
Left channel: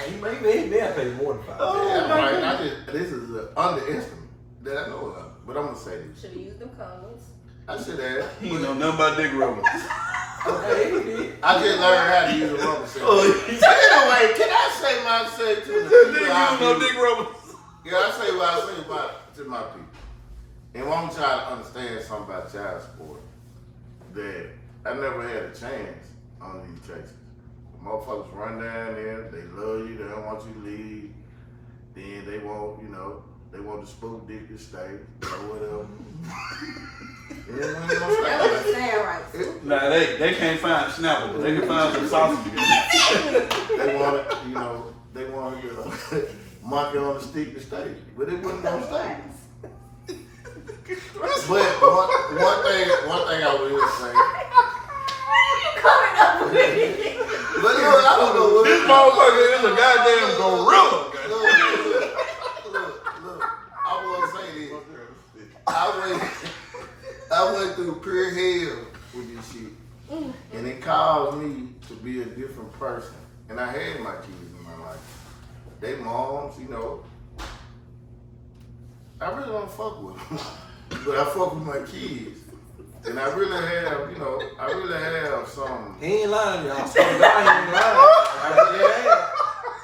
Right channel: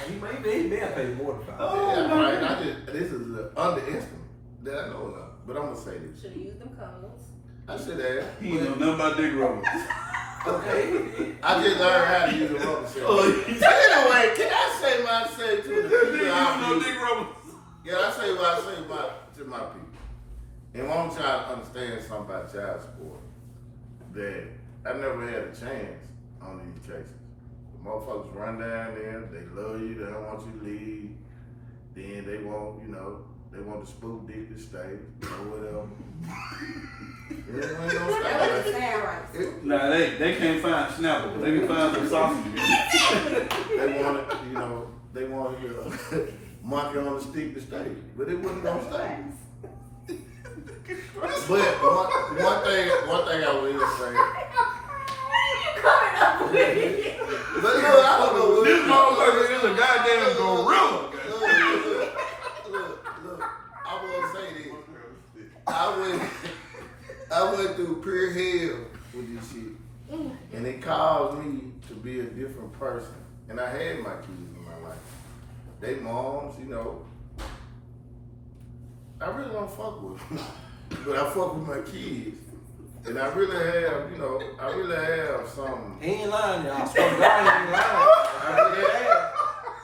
He may have paid more than $5. Yeah, right. This is an underestimate that I know of. But I'm gonna say this. Should have used them condoms. I should have. He ain't know nothing about dick rubbers. I just learned how to use a rubber cell. Anyway, can I say my say to the people out no here? dick rubbers. Yeah, I say what I say about to my people. And I want y'all to understand something about child support. That I never had a chance on these cases. Motherfuckers run down there, they love you, they don't want you to leave. Then they want, they want the spook dick to stay, or whatever. Yeah, man, That doesn't don't sound right. Nah, they can't find Snapple, but they can find some sausage. They want it, they want it monkey on the stick to stay, but it wasn't gonna stay. But one thing I will say. Coming up with it. But I don't know what This motherfucker is a goddamn gorilla. Look, I want to say this. I went through pure hell with this shit. And it caused me to be be a different person. And I had my kids in my life. They moms, you know. I really don't fuck with them, but I fuck with my kids. And I really have, you know, some. He ain't lying, y'all. I swear to God, he ain't lying.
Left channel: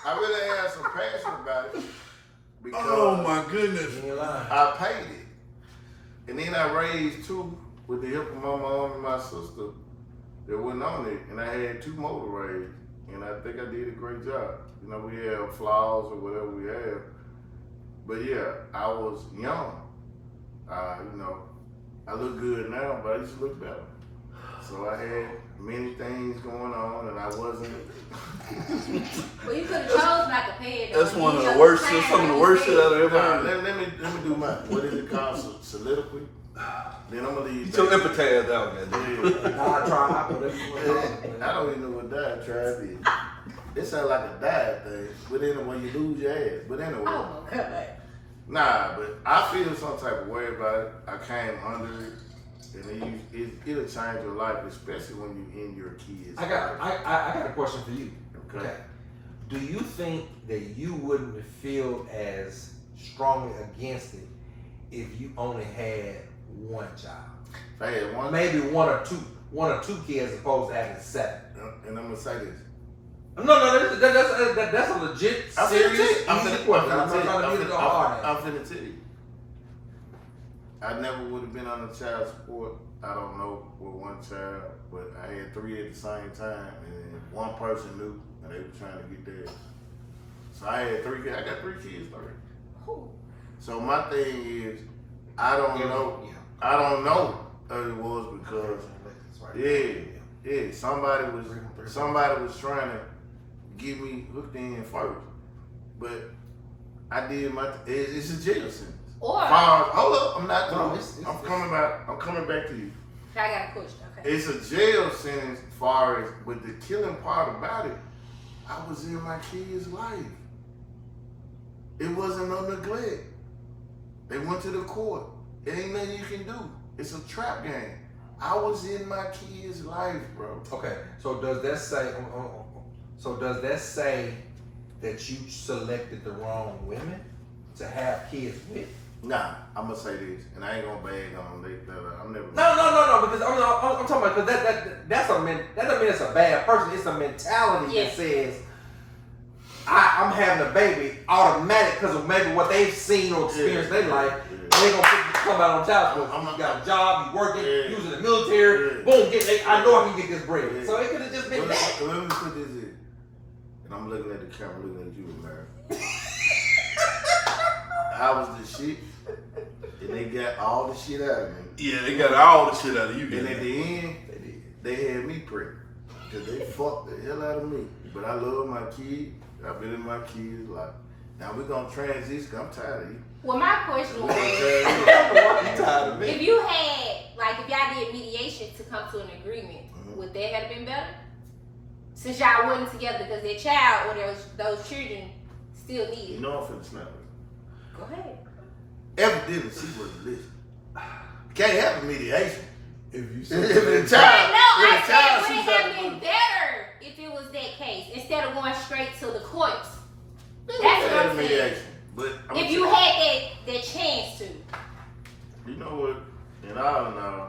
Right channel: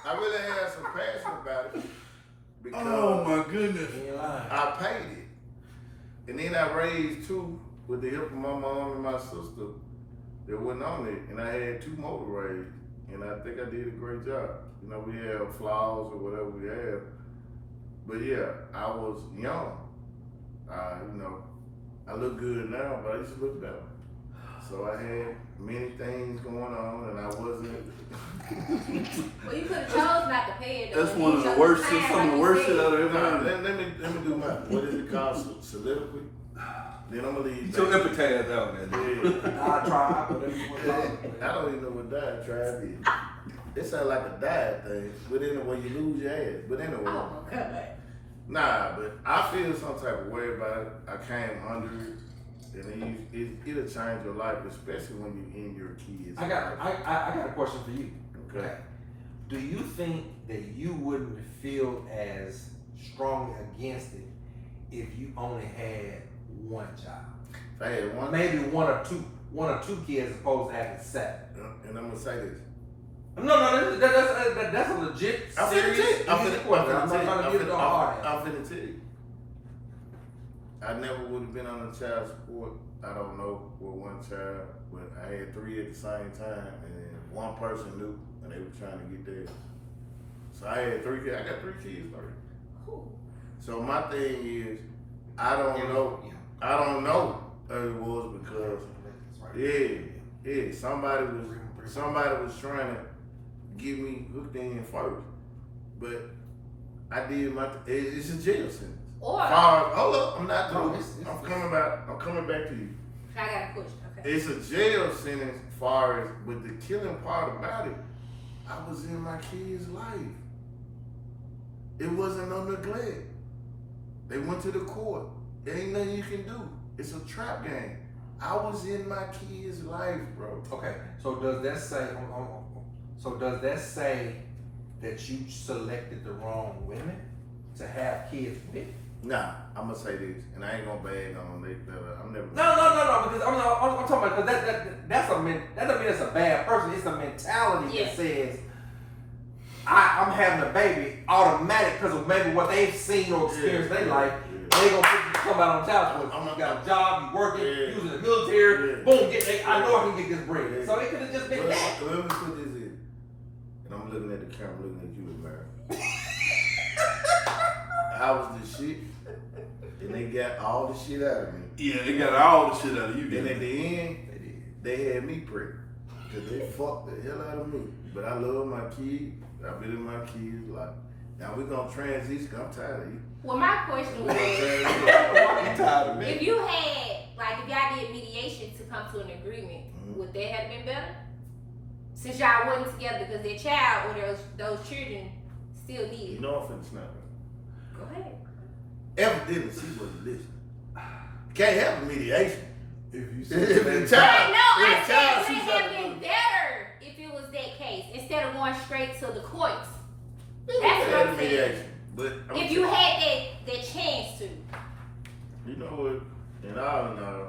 I really have some passion about it because Oh my goodness. He ain't lying. I paid it. And then I raised two with the help of my mom and my sister that went on it. And I had two more to raise. And I think I did a great job. You know, we have flaws or whatever we have. But yeah, I was young. You know, I look good now, but I used to look better. So I had many things going on, and I wasn't. Well, you could have chose not to pay it. That's one of the worst shit, some of the worst shit I've ever Nah, heard. let me do my, what is it called, soliloquy? Then I'm gonna leave. Get your epitaph out there. Yeah. Diatribe, whatever you want to call it. I don't even know what diatribe is. It sounds like a diet thing, but anyway, you lose your ass. But anyway, Oh, God. nah, but I feel some type of way about it. I came under it, and it'll change your life, especially when you're in your kids. I got a question for you. Okay. Do you think that you wouldn't feel as strongly against it if you only had one child? If I had one, Maybe one or two kids as opposed to having 7. and I'm gonna say this. No, that's a legit, serious, I'm easy finna question. I'm not trying to give it the hard I'm finna tell you. I never would have been on the child support. I don't know with one child, but I had 3 at the same time, and one person knew, and they were trying to get theirs. So I had 3 kids. I got 3 kids already. Who? So my thing is, I don't know. I don't know how it was because somebody was trying to get me hooked in first, but I did my. It's a jail sentence. Or, I Hold up, I'm not No, through. I'm coming back to you. got a question. Okay. It's a jail sentence, far as, but the killing part about it, I was in my kid's life. It wasn't no neglect. They went to the court. It ain't nothing you can do. It's a trap game. I was in my kid's life, bro. Okay, so does that say that you selected the wrong women to have kids with? Nah, I'm gonna say this, and I ain't gonna bag on them. I'm never. No, because I'm talking about because that doesn't mean it's a bad person. It's a mentality Yeah. that says I'm having a baby automatic because of maybe what they've seen or experienced in their life. They gonna come out on child support. You got a job, you working, you was in the military. Boom, I know I can get this bread. So it could have just been that. Let me put this in, and I'm looking at the camera, looking at you, man. I was the shit, and they got all the shit out of me. Yeah, they got all the shit out of you. And at the end, they had me pregnant. Because they fucked the hell out of me. But I love my kid. I've been in my kid's life. Now we're going to transition. I'm tired of you. Well, my question was, Tired of me. if you had, like, if y'all did mediation to come to an agreement, would that have been better? Since y'all wasn't together because their child or those children still You needed. know I'm finna snap it. Go ahead. Evidently, she wasn't listening. Can't have a mediation. If you If the I child, know, I if the said, child would sees it have that, been better if it was that case instead of going straight to the courts? That's That's what I'm saying. mediation. But I'm If you had that chance to. you know what? And all in all,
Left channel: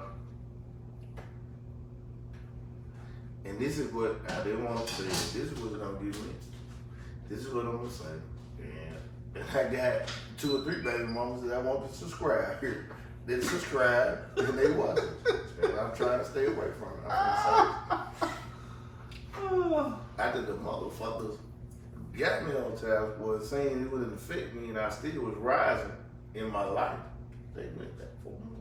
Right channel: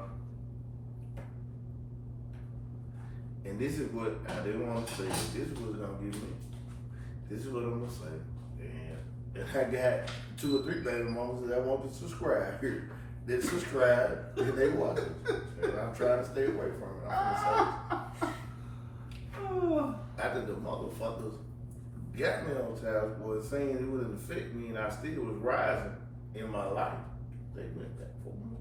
and this is what I didn't want to say. This is what's gonna get me. This is what I'm gonna say. And I got 2 or 3 baby mamas that I want to subscribe here. They subscribe and they watch it. And I'm trying to stay away from it. I'm gonna say this. After the motherfuckers got me on child support, saying it wouldn't affect me, and I still was rising in my life. They went that for me.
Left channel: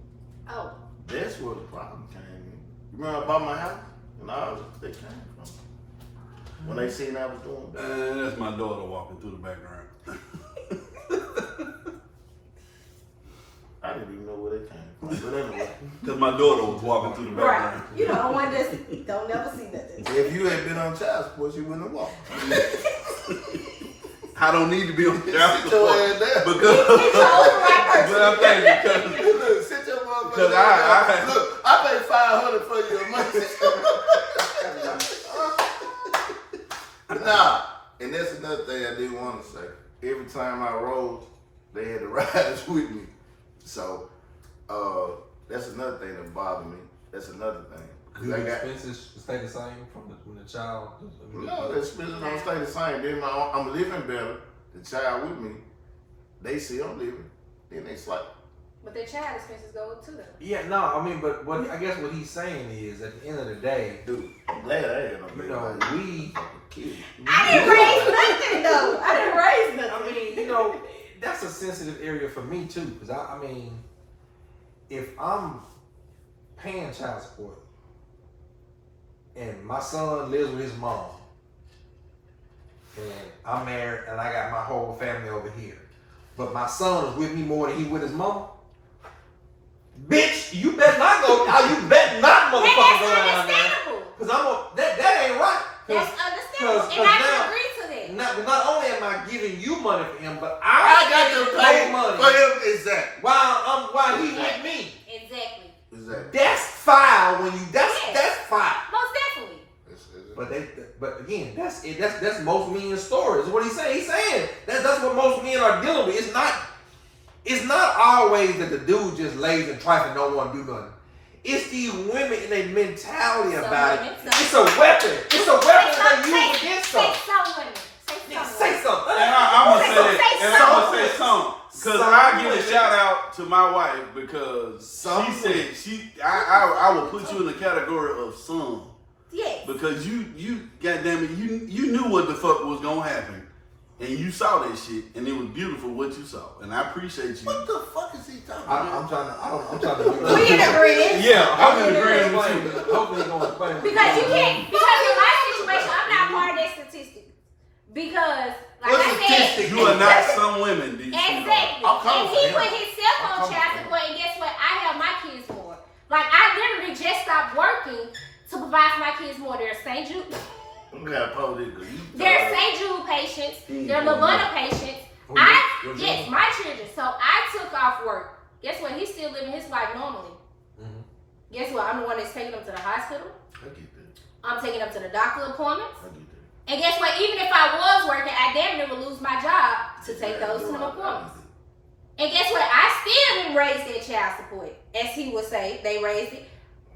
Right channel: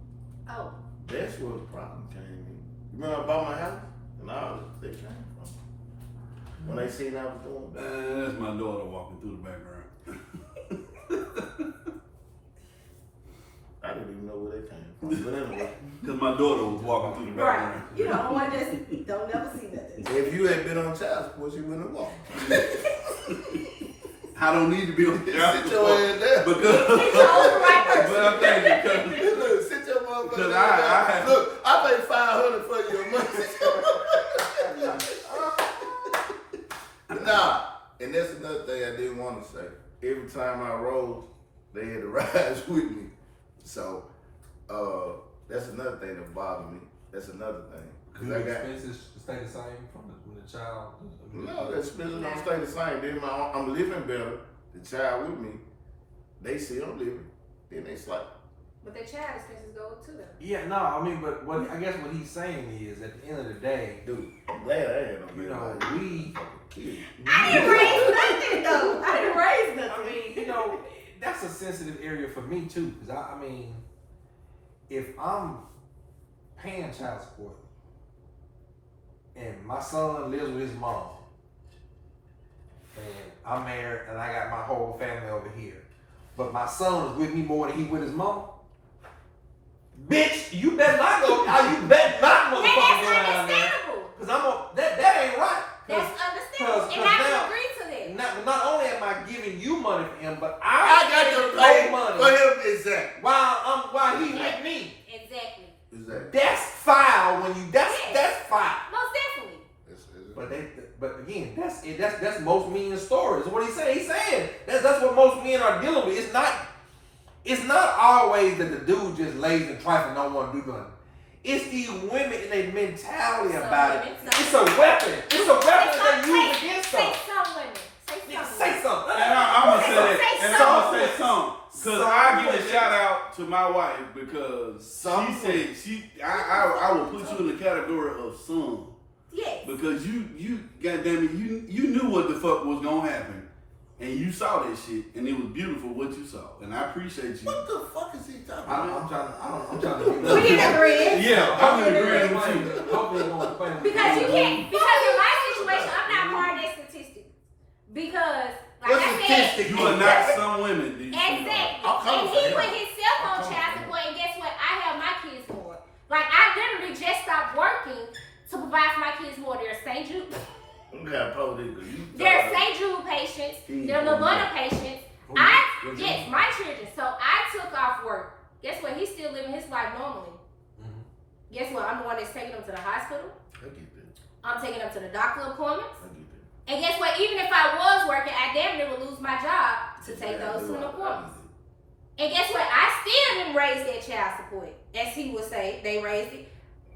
Oh. That's where the problem came in. You remember I bought my house? And all they came from. When they seen I was doing bad. That's my daughter walking through the background. I didn't even know where they came from. But anyway. Because my daughter was walking through the Right. background. You know, one just don't never see nothing. If you had been on child support, you wouldn't have walked. I don't need to be on the Sit your ass there. because It's your own right person. but I'm thinking because Look, sit your motherfucker Because down. I- Look, I paid $500 for you a month. Nah, and that's another thing I didn't want to say. Every time I rode, they had to rise with me. So, that's another thing that bothered me. That's another thing. Do the expenses stay the same from when the child? No, the expenses don't stay the same. Then I'm living better. The child with me, they see I'm living. Then they like. But the child expenses go too though. Yeah, no, I mean, but what I guess what he's saying is, at the end of the day, Dude, I'm glad I ain't no you know, we kid. I didn't raise nothing though. I didn't raise nothing. I mean, you know, that's a sensitive area for me too, because I mean, if I'm paying child support and my son lives with his mom, and I'm married and I got my whole family over here, but my son is with me more than he with his mama, bitch, you better not go. You better not motherfucker go down there, because that ain't right. That's understandable, and I can agree to that. Not only am I giving you money for him, but I got to pay money for him. Exactly. while he with me. Exactly. That's foul when you. That's foul. Most definitely. But again, that's most men's stories. What he's saying. He's saying that's what most men are dealing with. It's not always that the dude just lays and trifling, don't want to do nothing. It's these women and their mentality about it. It's a weapon. It's a weapon that they use against us. Say something. And I'm gonna say that. And I'm gonna say something. Cause I give a shout out to my wife because she said I will put you in the category of son. Yes. Because you goddamn it, you knew what the fuck was gonna happen. And you saw that shit, and it was beautiful what you saw, and I appreciate you. What the fuck is he talking about? I'm trying to. We in agreement. Yeah, I'm in agreement with you. Hopefully you're gonna explain. Because you can't. Because in my situation, I'm not part of that statistic. Because like I said, You are not some women. Exactly. I'll come And for he him. put himself on I'll come child for support, and guess what? I have my kids more. Like I literally just stopped working to provide for my kids more. They're St. Jude. They're St. Jude patients. They're Lavona patients. Yes, my children. So I took off work. Guess what? He's still living his life normally. Mm-hmm. Guess what? I'm the one that's taking them to the hospital. I get that. I'm taking them to the doctor appointments. I get that. And guess what? Even if I was working, I damn near would lose my job to take those to the appointments. And guess what? I still didn't raise that child support. As he would say, they raised it.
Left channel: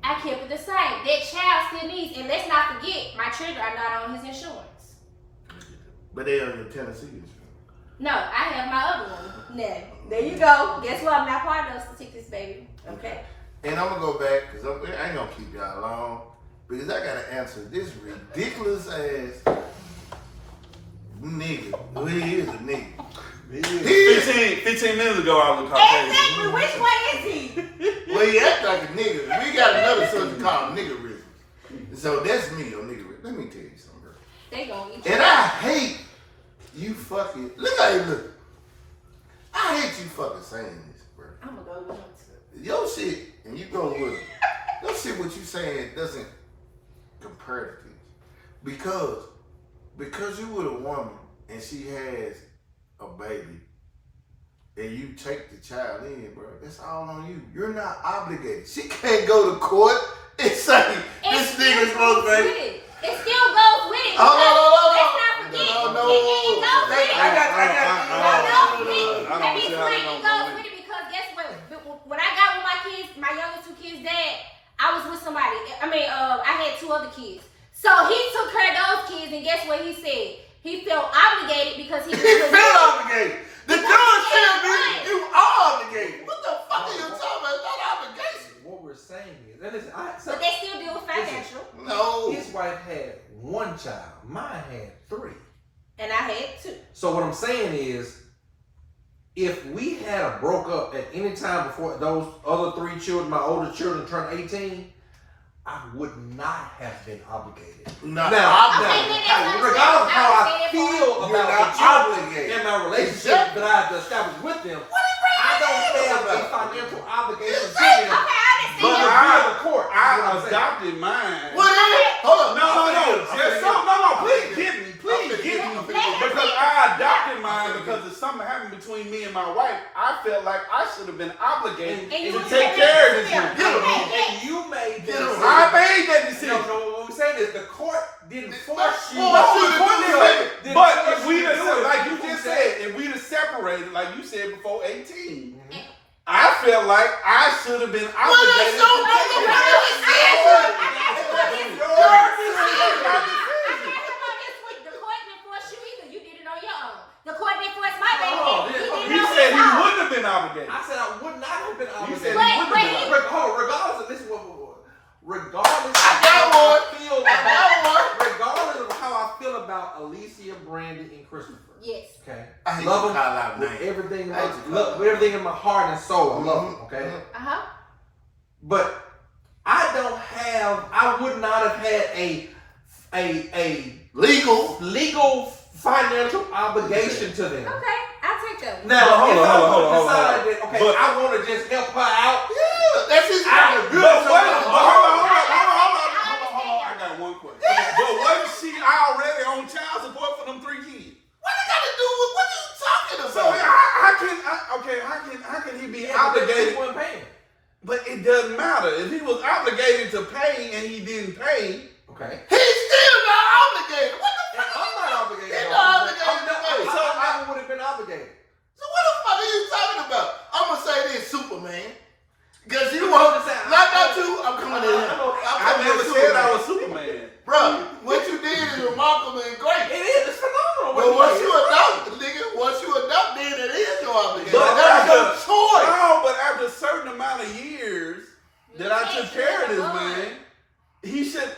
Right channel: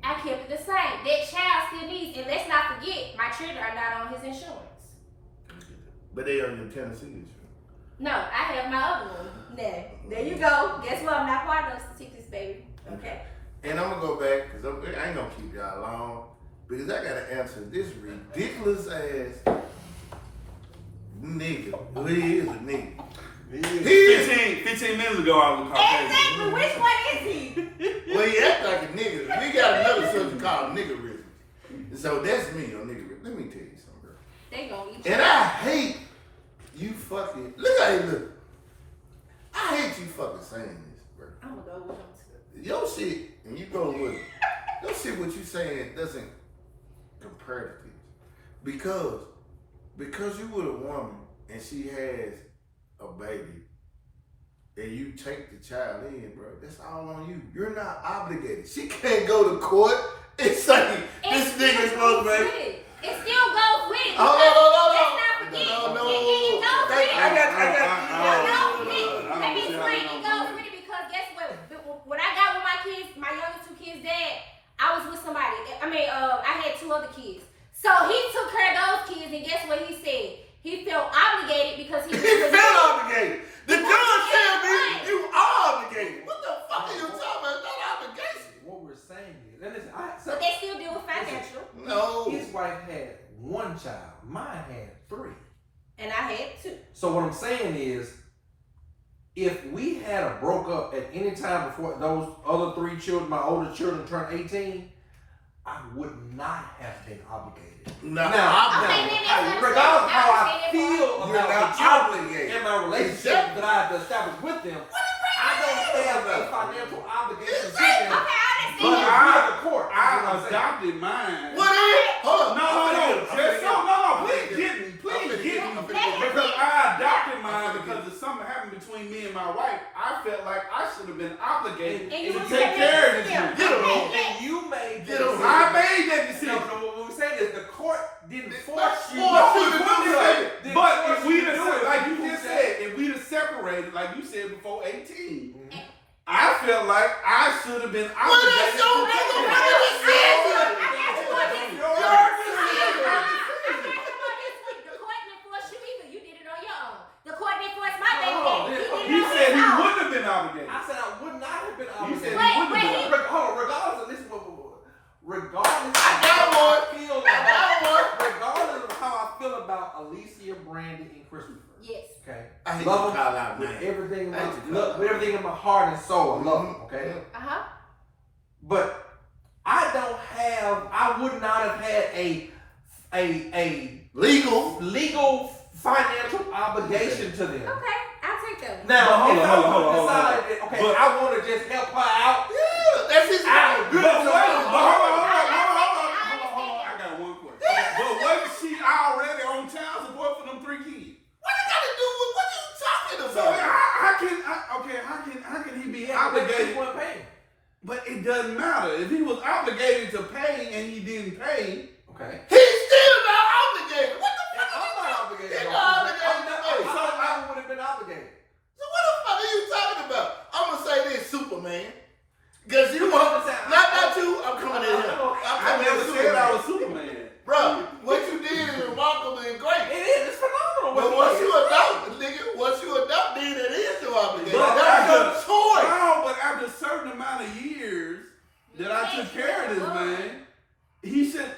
I kept it the same. That child still needs, and let's not forget, my children are not on his insurance. But they are in Tennessee insurance. No, I have my other one. No. There you go. Guess what? I'm not part of those statistics, baby. Okay. And I'm gonna go back because I ain't gonna keep y'all long because I gotta answer this ridiculous ass nigga. Well, he is a nigga. 15 minutes ago, I was talking. Exactly. Which one is he? Well, he act like a nigga. We got another subject called niggerism. So that's me on niggerism. Let me tell you something, bro. They gonna eat you. And I hate you fucking. Look how you look. I hate you fucking saying this, bro. I'm gonna go with him too. Your shit, and you go with it. Your shit, what you saying doesn't compare to this. Because you with a woman and she has a baby and you take the child in, bro, that's all on you. You're not obligated. She can't go to court and say this nigga's supposed to be. It still goes with it. Hold on. Let's not forget. It goes with it. I got. Let me explain. It goes with it because guess what? When I got with my kids, my youngest two kids' dad, I was with somebody. I had two other kids. So he took care of those kids, and guess what he said? He felt obligated because he felt obligated. The judge said, "Me, you are obligated." What the fuck are you talking about? It's not obligation. What we're saying is, but they still deal with financial. No. His wife had one child. Mine had 3. And I had 2. So what I'm saying is, if we had a broke up at any time before those other 3 children, my older children turned 18, I would not have been obligated. No. Now, regardless of how I feel You're about not the children obligated. and my relationship that I had to establish with them, I don't have a financial obligation to them. But I court. I adopted mine. What is it? Hold on. No. Please get me. Because I adopted mine Okay. because if something happened between me and my wife, I felt like I should have been obligated And you to take care of this. And you made Get the him. decision. I made that decision. No, what we're saying is the court didn't force you. Force you to But do something. Didn't but force if we you to do it, like you Fouché. just said, if we'd have separated, like you said before 18, I felt like I should have been obligated that's your to take it. motherfucking Your decision. The court didn't force you either. You did it on your own. The court didn't force my baby. Oh, You did it He on said his he own. wouldn't have been obligated. I said I would not have been He obligated. said he Wait, wouldn't have been wait. obligated. Hold on, regardless of this, regardless I got of how one. I feel I got one. regardless of how I feel about Alicia, Brandon, and Christopher. Yes. Okay, I hate love to them call out with names. everything in I my hate to call out with everything in my heart and soul. I love them. Okay, Uh-huh. but I would not have had a legal financial obligation to them. Okay, I'll take that one. Now, But hold if on, I hold on, would hold on, decide hold on. that, okay, But- I want to just help her out. Yeah, that's his I- good. But So wait, I'm- hold on. I got one question. But wasn't she already on child support for them 3 kids? What you got to do with what you talking So about? how can he be Yeah, but they obligated? weren't paying. But it doesn't matter. If he was obligated to pay and he didn't pay, Okay. He's still not obligated. What the And fuck? I'm not obligated. You're though. not obligated I'm to not- pay. so I would have been obligated. So what the fuck are you talking about? I'm gonna say this, Superman. Cause you I'm want just saying, not you. I'm coming in here. I'm I coming never in said I Superman. was Superman. Bro, what you did is remarkable and It great. is. It's phenomenal. But what once did. you adopt, nigga, once you adopt, then it is your obligation. But That's your after- choice. No, but after a certain amount of years that I took care of this man, he should.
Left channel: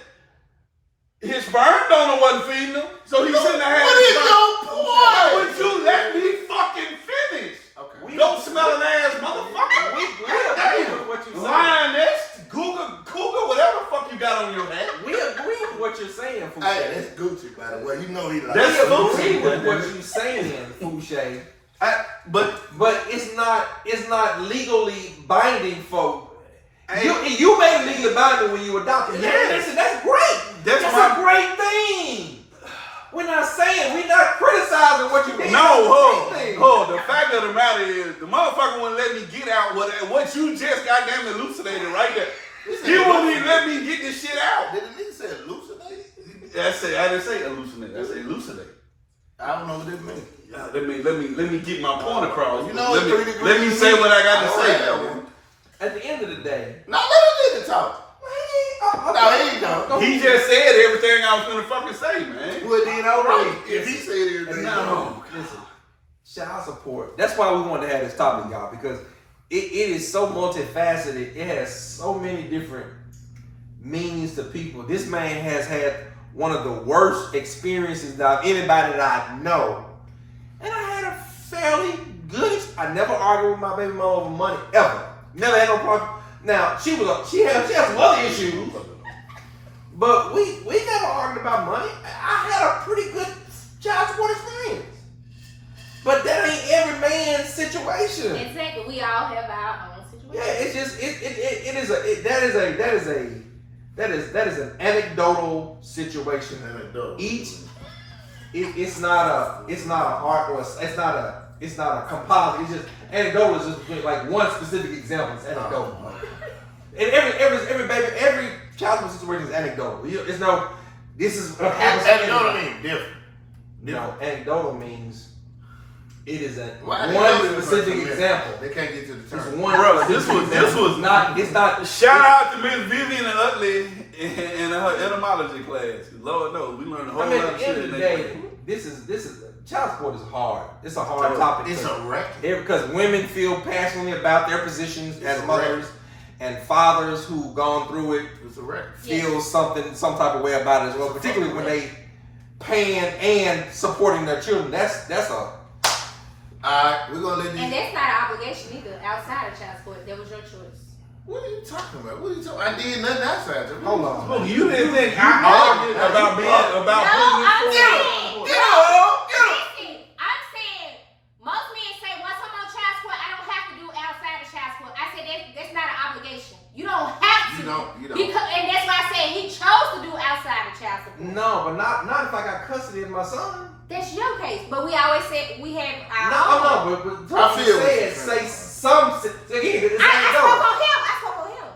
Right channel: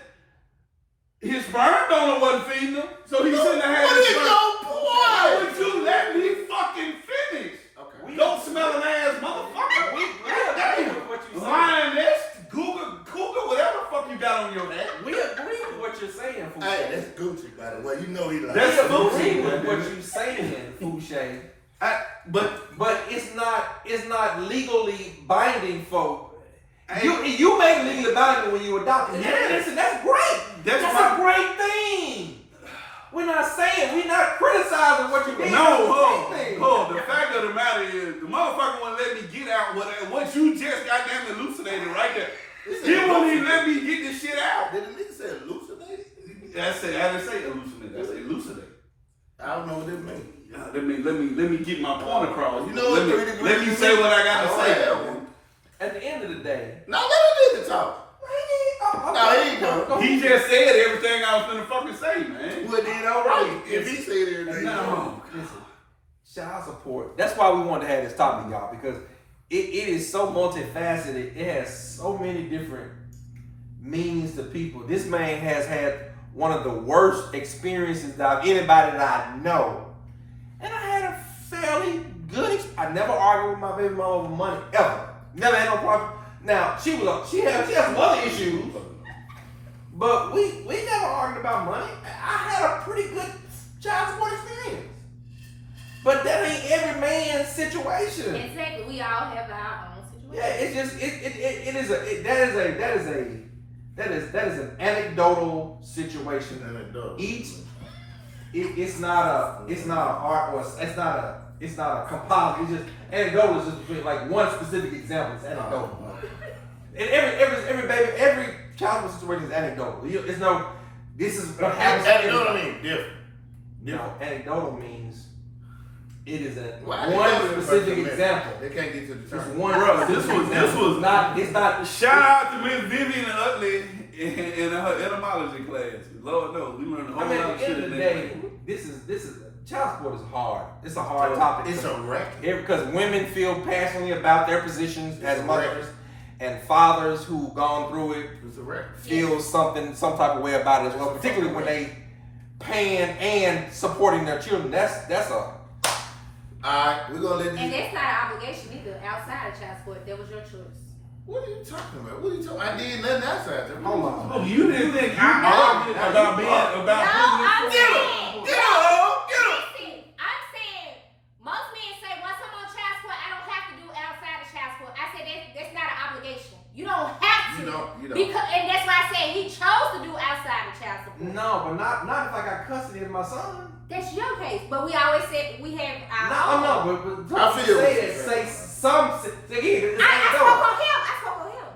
His sperm donor wasn't feeding him, so he shouldn't have had. What his is sperm. your Why point? would you let me fucking finish? Okay. Don't smell an ass motherfucker. We agree with what you're saying. Lioness, cougar, whatever the fuck you got on your neck. We agree with what you're saying, Fouché. Hey, that's Gucci, by the way. You know he like That's We Gucci. agree with what you're saying, Fouché. But it's not legally binding for. You made it legally binding when you adopted. Yeah. Listen, that's great. That's That's my- a great thing. We're not saying, we're not criticizing what you did. No, That's a hold great thing. on. The fact of the matter is, the motherfucker wouldn't let me get out what you just goddamn elucidated right there. He won't even let me get this shit out. Did the nigga say elucidate? I didn't say elucidate. I said elucidate. I don't know what it means. Yeah, let me get my point across. You know let what me, 3 let me degrees say mean? what I got to I say. don't know. At the end of the day, No, let him nigga talk. No, he ain't gonna. He just said everything I was gonna fucking say, man. Well, then all right. If he said everything, No. listen, child support. That's why we wanted to have this topic, y'all, because it is so multifaceted. It has so many different meanings to people. This man has had one of the worst experiences that anybody that I know, and I had a fairly good. I never argued with my baby mama over money ever. Never had no problem. Now she has some other issues, but we never argued about money. I had a pretty good child support experience. But that ain't every man's situation. Exactly. We all have our own situation. Yeah, it's just that is an anecdotal situation. It's not an art or it's not a composite. It's just anecdotal is just like one specific example. It's anecdotal. And every child support situation is anecdotal. It's no. This is what happens. Anecdotal mean different. No, anecdotal means it is a Why one they specific don't example. They can't get to the It's term. one. Bro, specific this was example. not. It's not. Shout out to Miss Vivian and Utley in her etymology class. Lord knows we learned a whole I mean, lot at of the shit end of in the that. day, this is child support is hard. It's a hard topic. It's a record. Because women feel passionately about their positions as mothers, and fathers who gone through it It's a record. feel some type of way about it as well. Particularly when they paying and supporting their children. That's a. Alright, we're gonna let And these. that's not an obligation either. Outside of child support, that was your choice. What are you talking about? What are you talking about? I did nothing outside. Hold on. Look, you didn't think I argued about being about No, putting I'm this saying. Get up! Get up! Listen, I'm saying most men say once I'm on child support, I don't have to do outside of child support. I said that's not an obligation. You don't have to. You don't. Because, and that's why I said he chose to do outside of child support. No, but not if I got custody of my son. That's your case. But we always said we have our No, own. but I feel what said you're say saying. some. Say, I spoke on him. I spoke on him.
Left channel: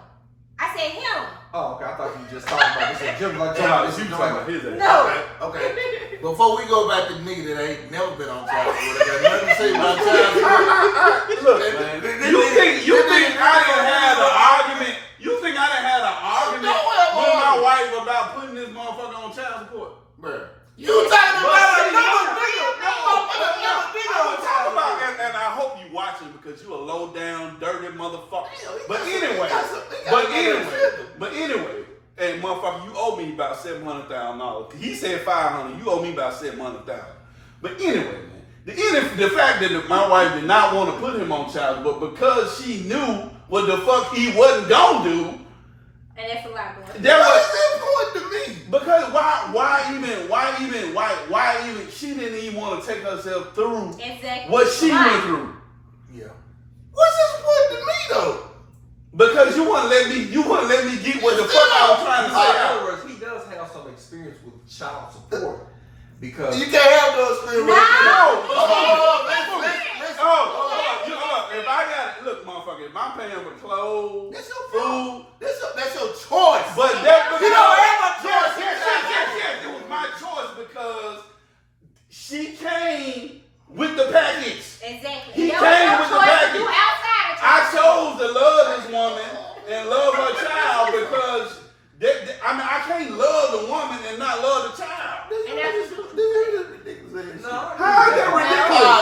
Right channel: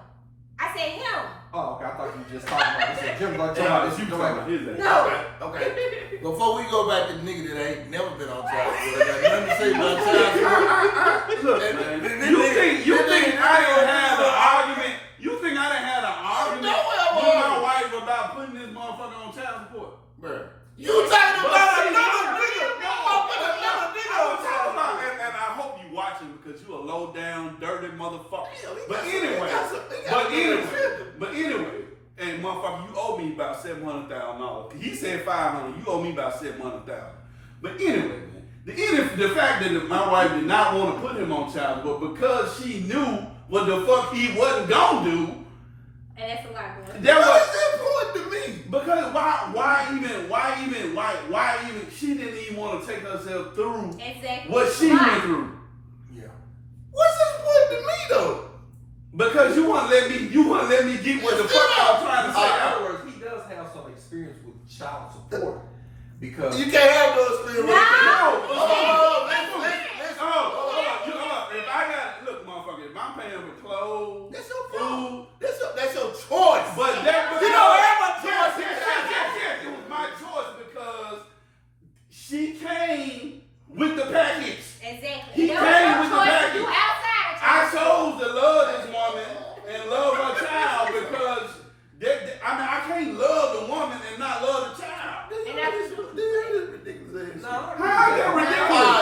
I said him. Oh, okay. I thought you were just talking about this in general. Like, No, this you is talking about his ass. No. Okay. Before we go back to the nigga that ain't never been on child support, I got nothing to say about child support. Look, man. You think I didn't have an argument? You think I didn't have an argument with my wife about putting this motherfucker on child support? Bruh. You talking about another nigga? I was talking about, and I hope you watching because you a low down, dirty motherfucker. But anyway, and motherfucker, you owe me about $700,000. He said $500. You owe me about $700,000. But anyway, man, the fact that my wife did not want to put him on child support because she knew what the fuck he wasn't gonna do. And that's a lot going. That Why was is that important to me? because why even she didn't even want to take herself through Exactly. what she Why? went through. Yeah. What's this important to me though? Because you wouldn't let me get what the fuck I was trying to In say. other words, he does have some experience with child support because You can't have no experience. If I got look, motherfucker, if I'm paying for clothes, That's your food, That's your choice. but that You don't have a yes, choice. yes, it was my choice because she came with the package. Exactly. He That came was with your the choice to package. do outside of I child chose to love this woman and love her child because I can't love the woman and not love the child. And that's How is that ridiculous?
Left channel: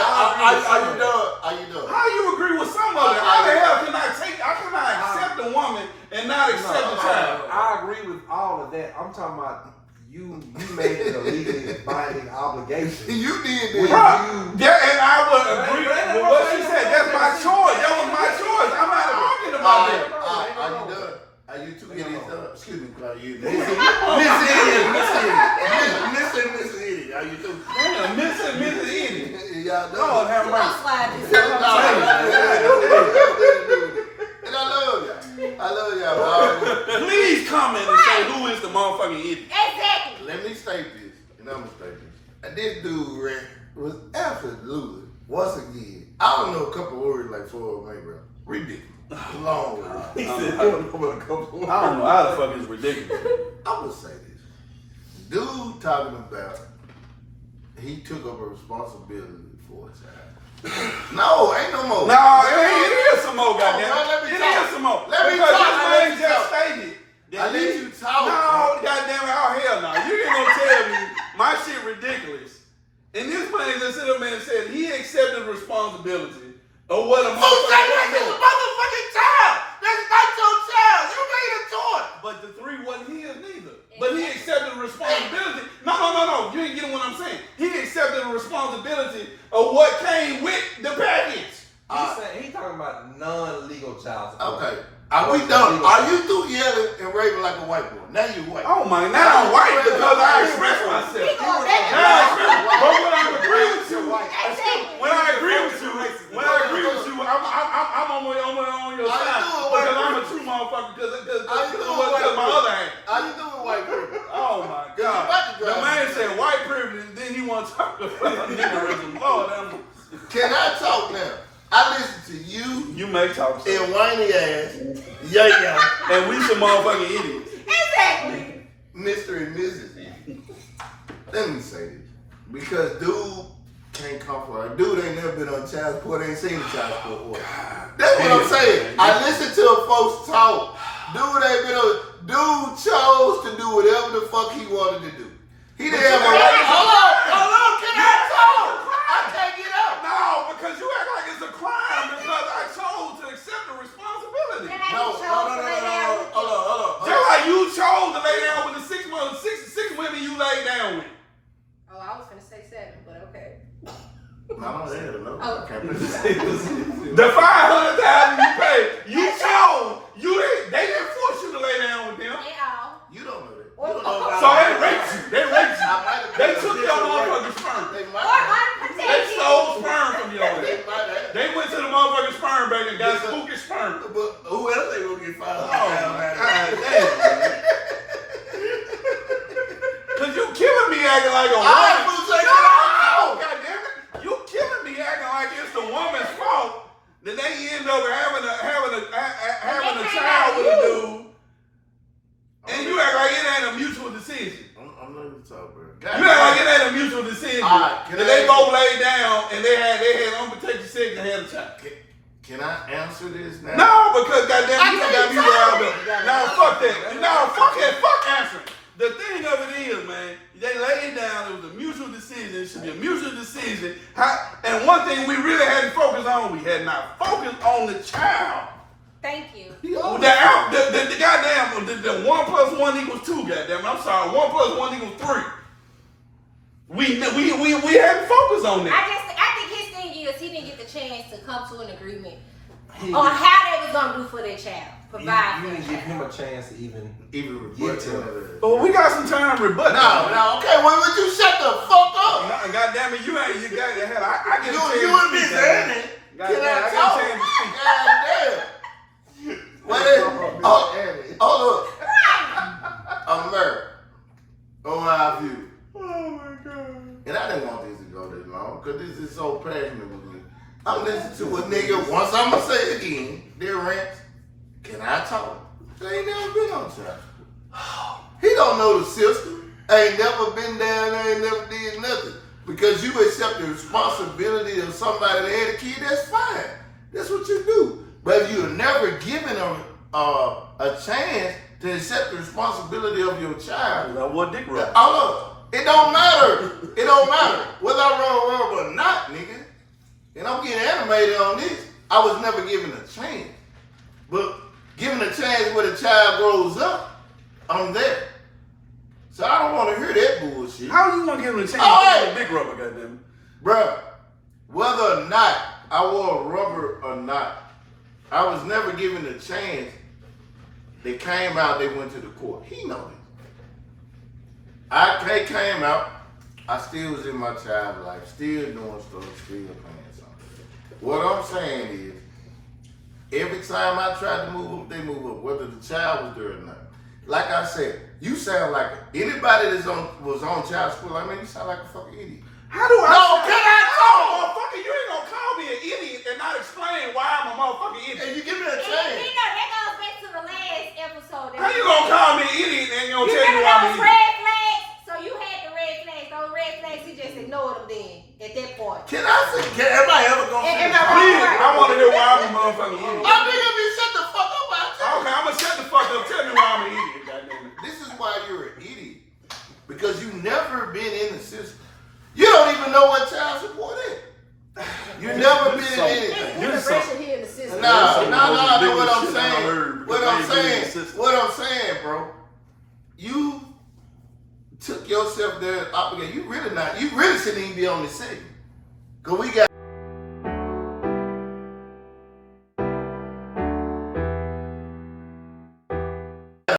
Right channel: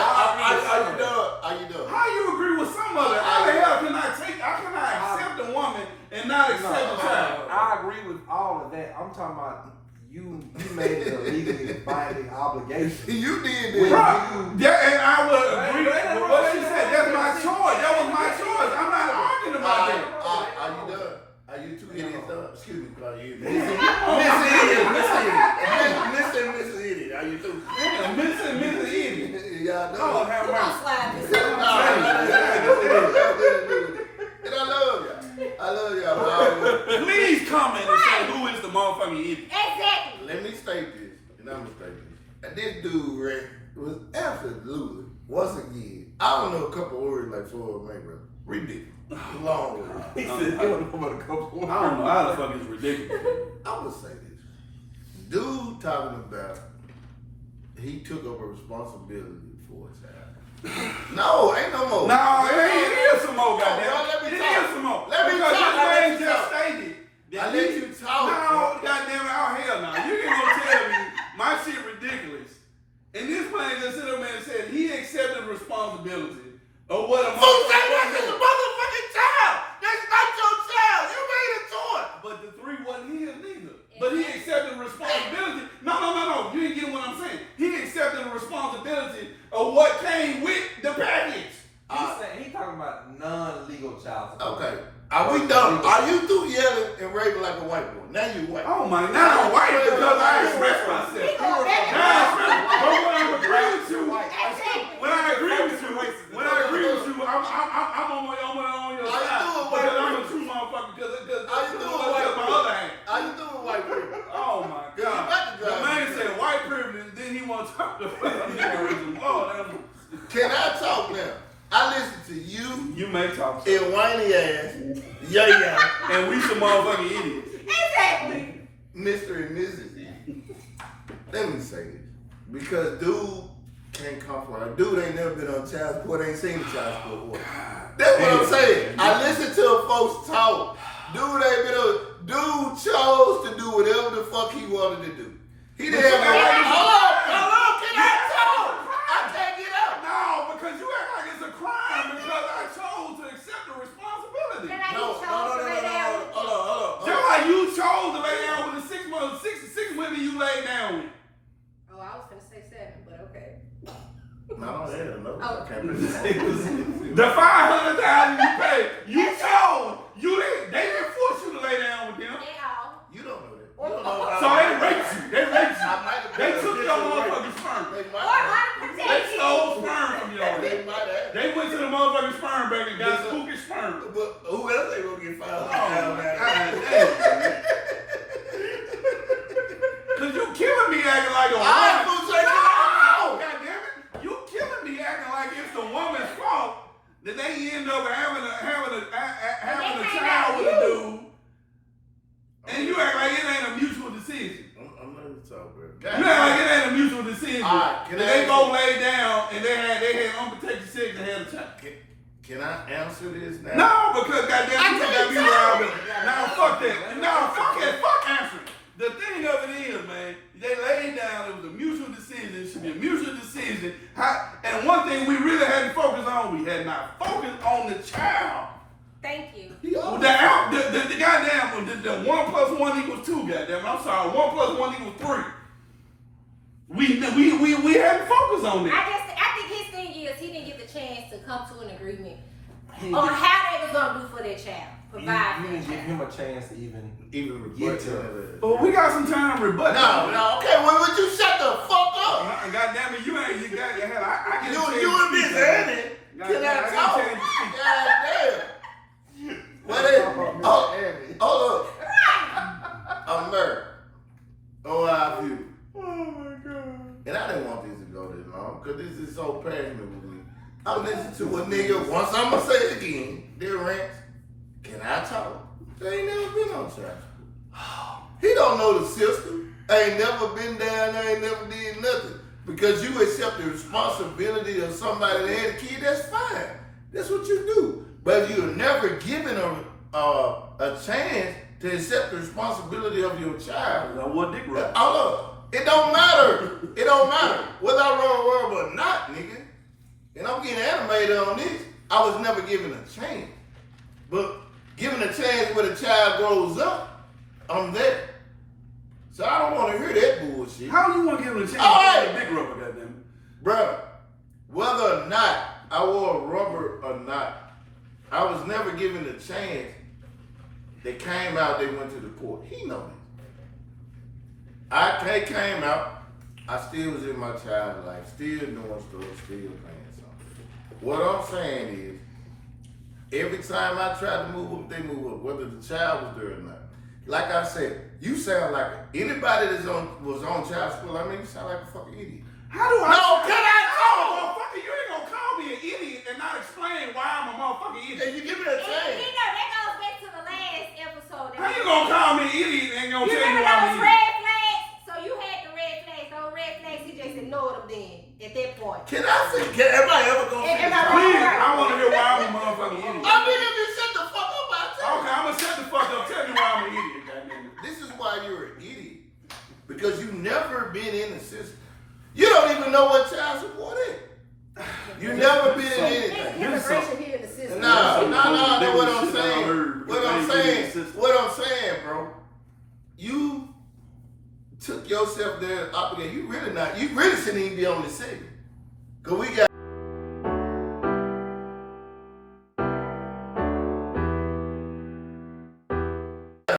Are you done? How you agree with some of it? How the hell can I accept the woman and not accept the child? I agree with all of that. I'm talking about you made it a legally binding obligation. You did When that. Yeah, and I would agree with what she said. That's my choice. That was my choice. I'm not arguing about that. Are you done? Are you two idiots done? Excuse me, Clark. You Miss Idiot. Are you two? Miss Idiot. Y'all done? Lord have I'll mercy. slide this. And I love y'all. Boy. Please comment and say who is the motherfucking idiot. Exactly. Let me state this, and I'm gonna state this. And this dude, Rick, was absolutely, once again, I don't know a couple words like Floyd Mayweather. Ridiculous. Long words. He said, "I don't know about a couple of I don't know how the fuck is ridiculous. I'm gonna say this. Dude talking about he took up a responsibility for his child. No, ain't no more. No, it is some more, goddamn. No, let me It talk. is some more. Let me Because talk. this I let man you just talk. stated that I let you talk. No, goddamn it, oh hell no. You ain't gonna tell me my shit ridiculous. And this man just sit up there and said he accepted responsibility of what a Who said motherfucker that's his was. motherfucking child? That's not your child. You made a choice. But the three wasn't his neither. But he accepted the responsibility. No. You ain't getting what I'm saying. He accepted the responsibility of what came with the package. He's talking about non-legal child support. Okay. Are we done? Are you through yelling and raving like a white boy? Now you white. Oh my, now I'm white because I express myself. Now I agree with you. When I agree with you, I'm on your side because I'm a true motherfucker because my other hand. How you doing, white privilege? Oh my you about God. to The drive man me said white privilege, then he wants to talk about niggerism. Lord, Can I talk now? I listen to you you may talk and whiny ass, yeah, and we some motherfucking idiots. Exactly. Mr. and Mrs. Idiot. Let me say this. Because dude can't come for a dude ain't never been on child support, ain't seen a child support order. That's what I'm saying. I listen to folks talk. Dude chose to do whatever the fuck he wanted to do. He didn't have Hello, can I talk? I can't get out. No, because you act like it's a crime because I chose to accept the responsibility. No. Hold on. Just like you chose to lay down with the six women you laid down with. Oh, I was gonna say 7, but okay. No. Oh. I can't say The $500,000 you paid, you chose. They didn't force you to lay down with them. They all. You don't know that. You don't know So they raped you. They took your motherfucking motherfucking sperm. They Or might have. They unprotected. stole sperm from you. They might have. They went to the motherfucking sperm bank and got spooky sperm. But who else they gonna get God $500,000? damn. Cause you killing me acting like a I woman. was saying, No! God damn it. You killing me acting like it's the woman's fault that they end up having a child with a dude mutual decision. All right, can And I they ask both you- laid down and they had unprotected sex and had a child. Can I answer this now? No, because goddamn, you I got can't me riled You up. gotta Now answer fuck it. that. No, fuck that. Fuck answer. The thing of it is, man, they laid down. It was a mutual decision. It should be a mutual decision. And one thing we really hadn't focused on, we had not focused on the child. Thank you. He always- The goddamn, the 1 + 1 = 2. Goddamn, I'm sorry. 1 + 1 = 3. We hadn't focused on that. I think his thing is he didn't get the chance to come to an agreement on how they was gonna do for their child, provide You for didn't their give him child. a chance to even Even rebut to to But we got some time to rebut. No, okay, well, would you shut the fuck up? God damn it, you got the hell. I get a chance You to and speak, Miss goddamn. Annie. God Can damn, I I got talk? a chance to speak. God damn. Wait, oh, look. I'm married. Oh, I view. Oh my god. And I didn't want this to go this long, because this is so passionate with me. I'm listening to a nigga, once I'm going to say it again, dear Rance, can I talk? They ain't never been on child support. He don't know the system. Ain't never been down there, ain't never did nothing. Because you accept the responsibility of somebody that had a kid, that's fine. That's what you do. But if you're never given a chance to accept the responsibility of your child, That one dick rub. hold up. It don't matter. It don't matter whether I run or not, nigga. And I'm getting animated on this. I was never given a chance. But given a chance where the child grows up, I'm there. So I don't want to hear that bullshit. How you want to give him a chance All to right. get a dick rubber, goddamn? Bruh, whether or not I wore a rubber or not, I was never given a chance. They came out, they went to the court. He knows it. I came out, I still was in my child life, still doing stuff, still playing something. What I'm saying is, every time I tried to move up, they move up, whether the child was there or not. Like I said, you sound like anybody was on child support. I mean, you sound like a fucking idiot. How do I? No, can I talk? Motherfucker, you ain't gonna call me an idiot and not explain why I'm a motherfucking idiot. If you give me a And chance. you know, that goes back to the last episode. How you gonna call me an idiot and you gonna You tell me remember why I'm those an idiot? red flags? So you had the red flags. Those red flags, he just ignored them then at that point. Can I say, am I ever gonna Am say I something? Please, I want to hear why I'm a motherfucking idiot. I mean, if you shut the fuck up, I tell you. Okay, I'm gonna shut the fuck up. Tell me why I'm an idiot, goddamn it. This is why you're an idiot. Because you never been in the system. You don't even know what child support is. You never been in anything. Integration here in the system. No, what I'm Shit I saying. heard What because I'm they ain't in the saying, system. what I'm saying, bro. You took yourself there obligated. You really shouldn't even be on this segment. Cause we got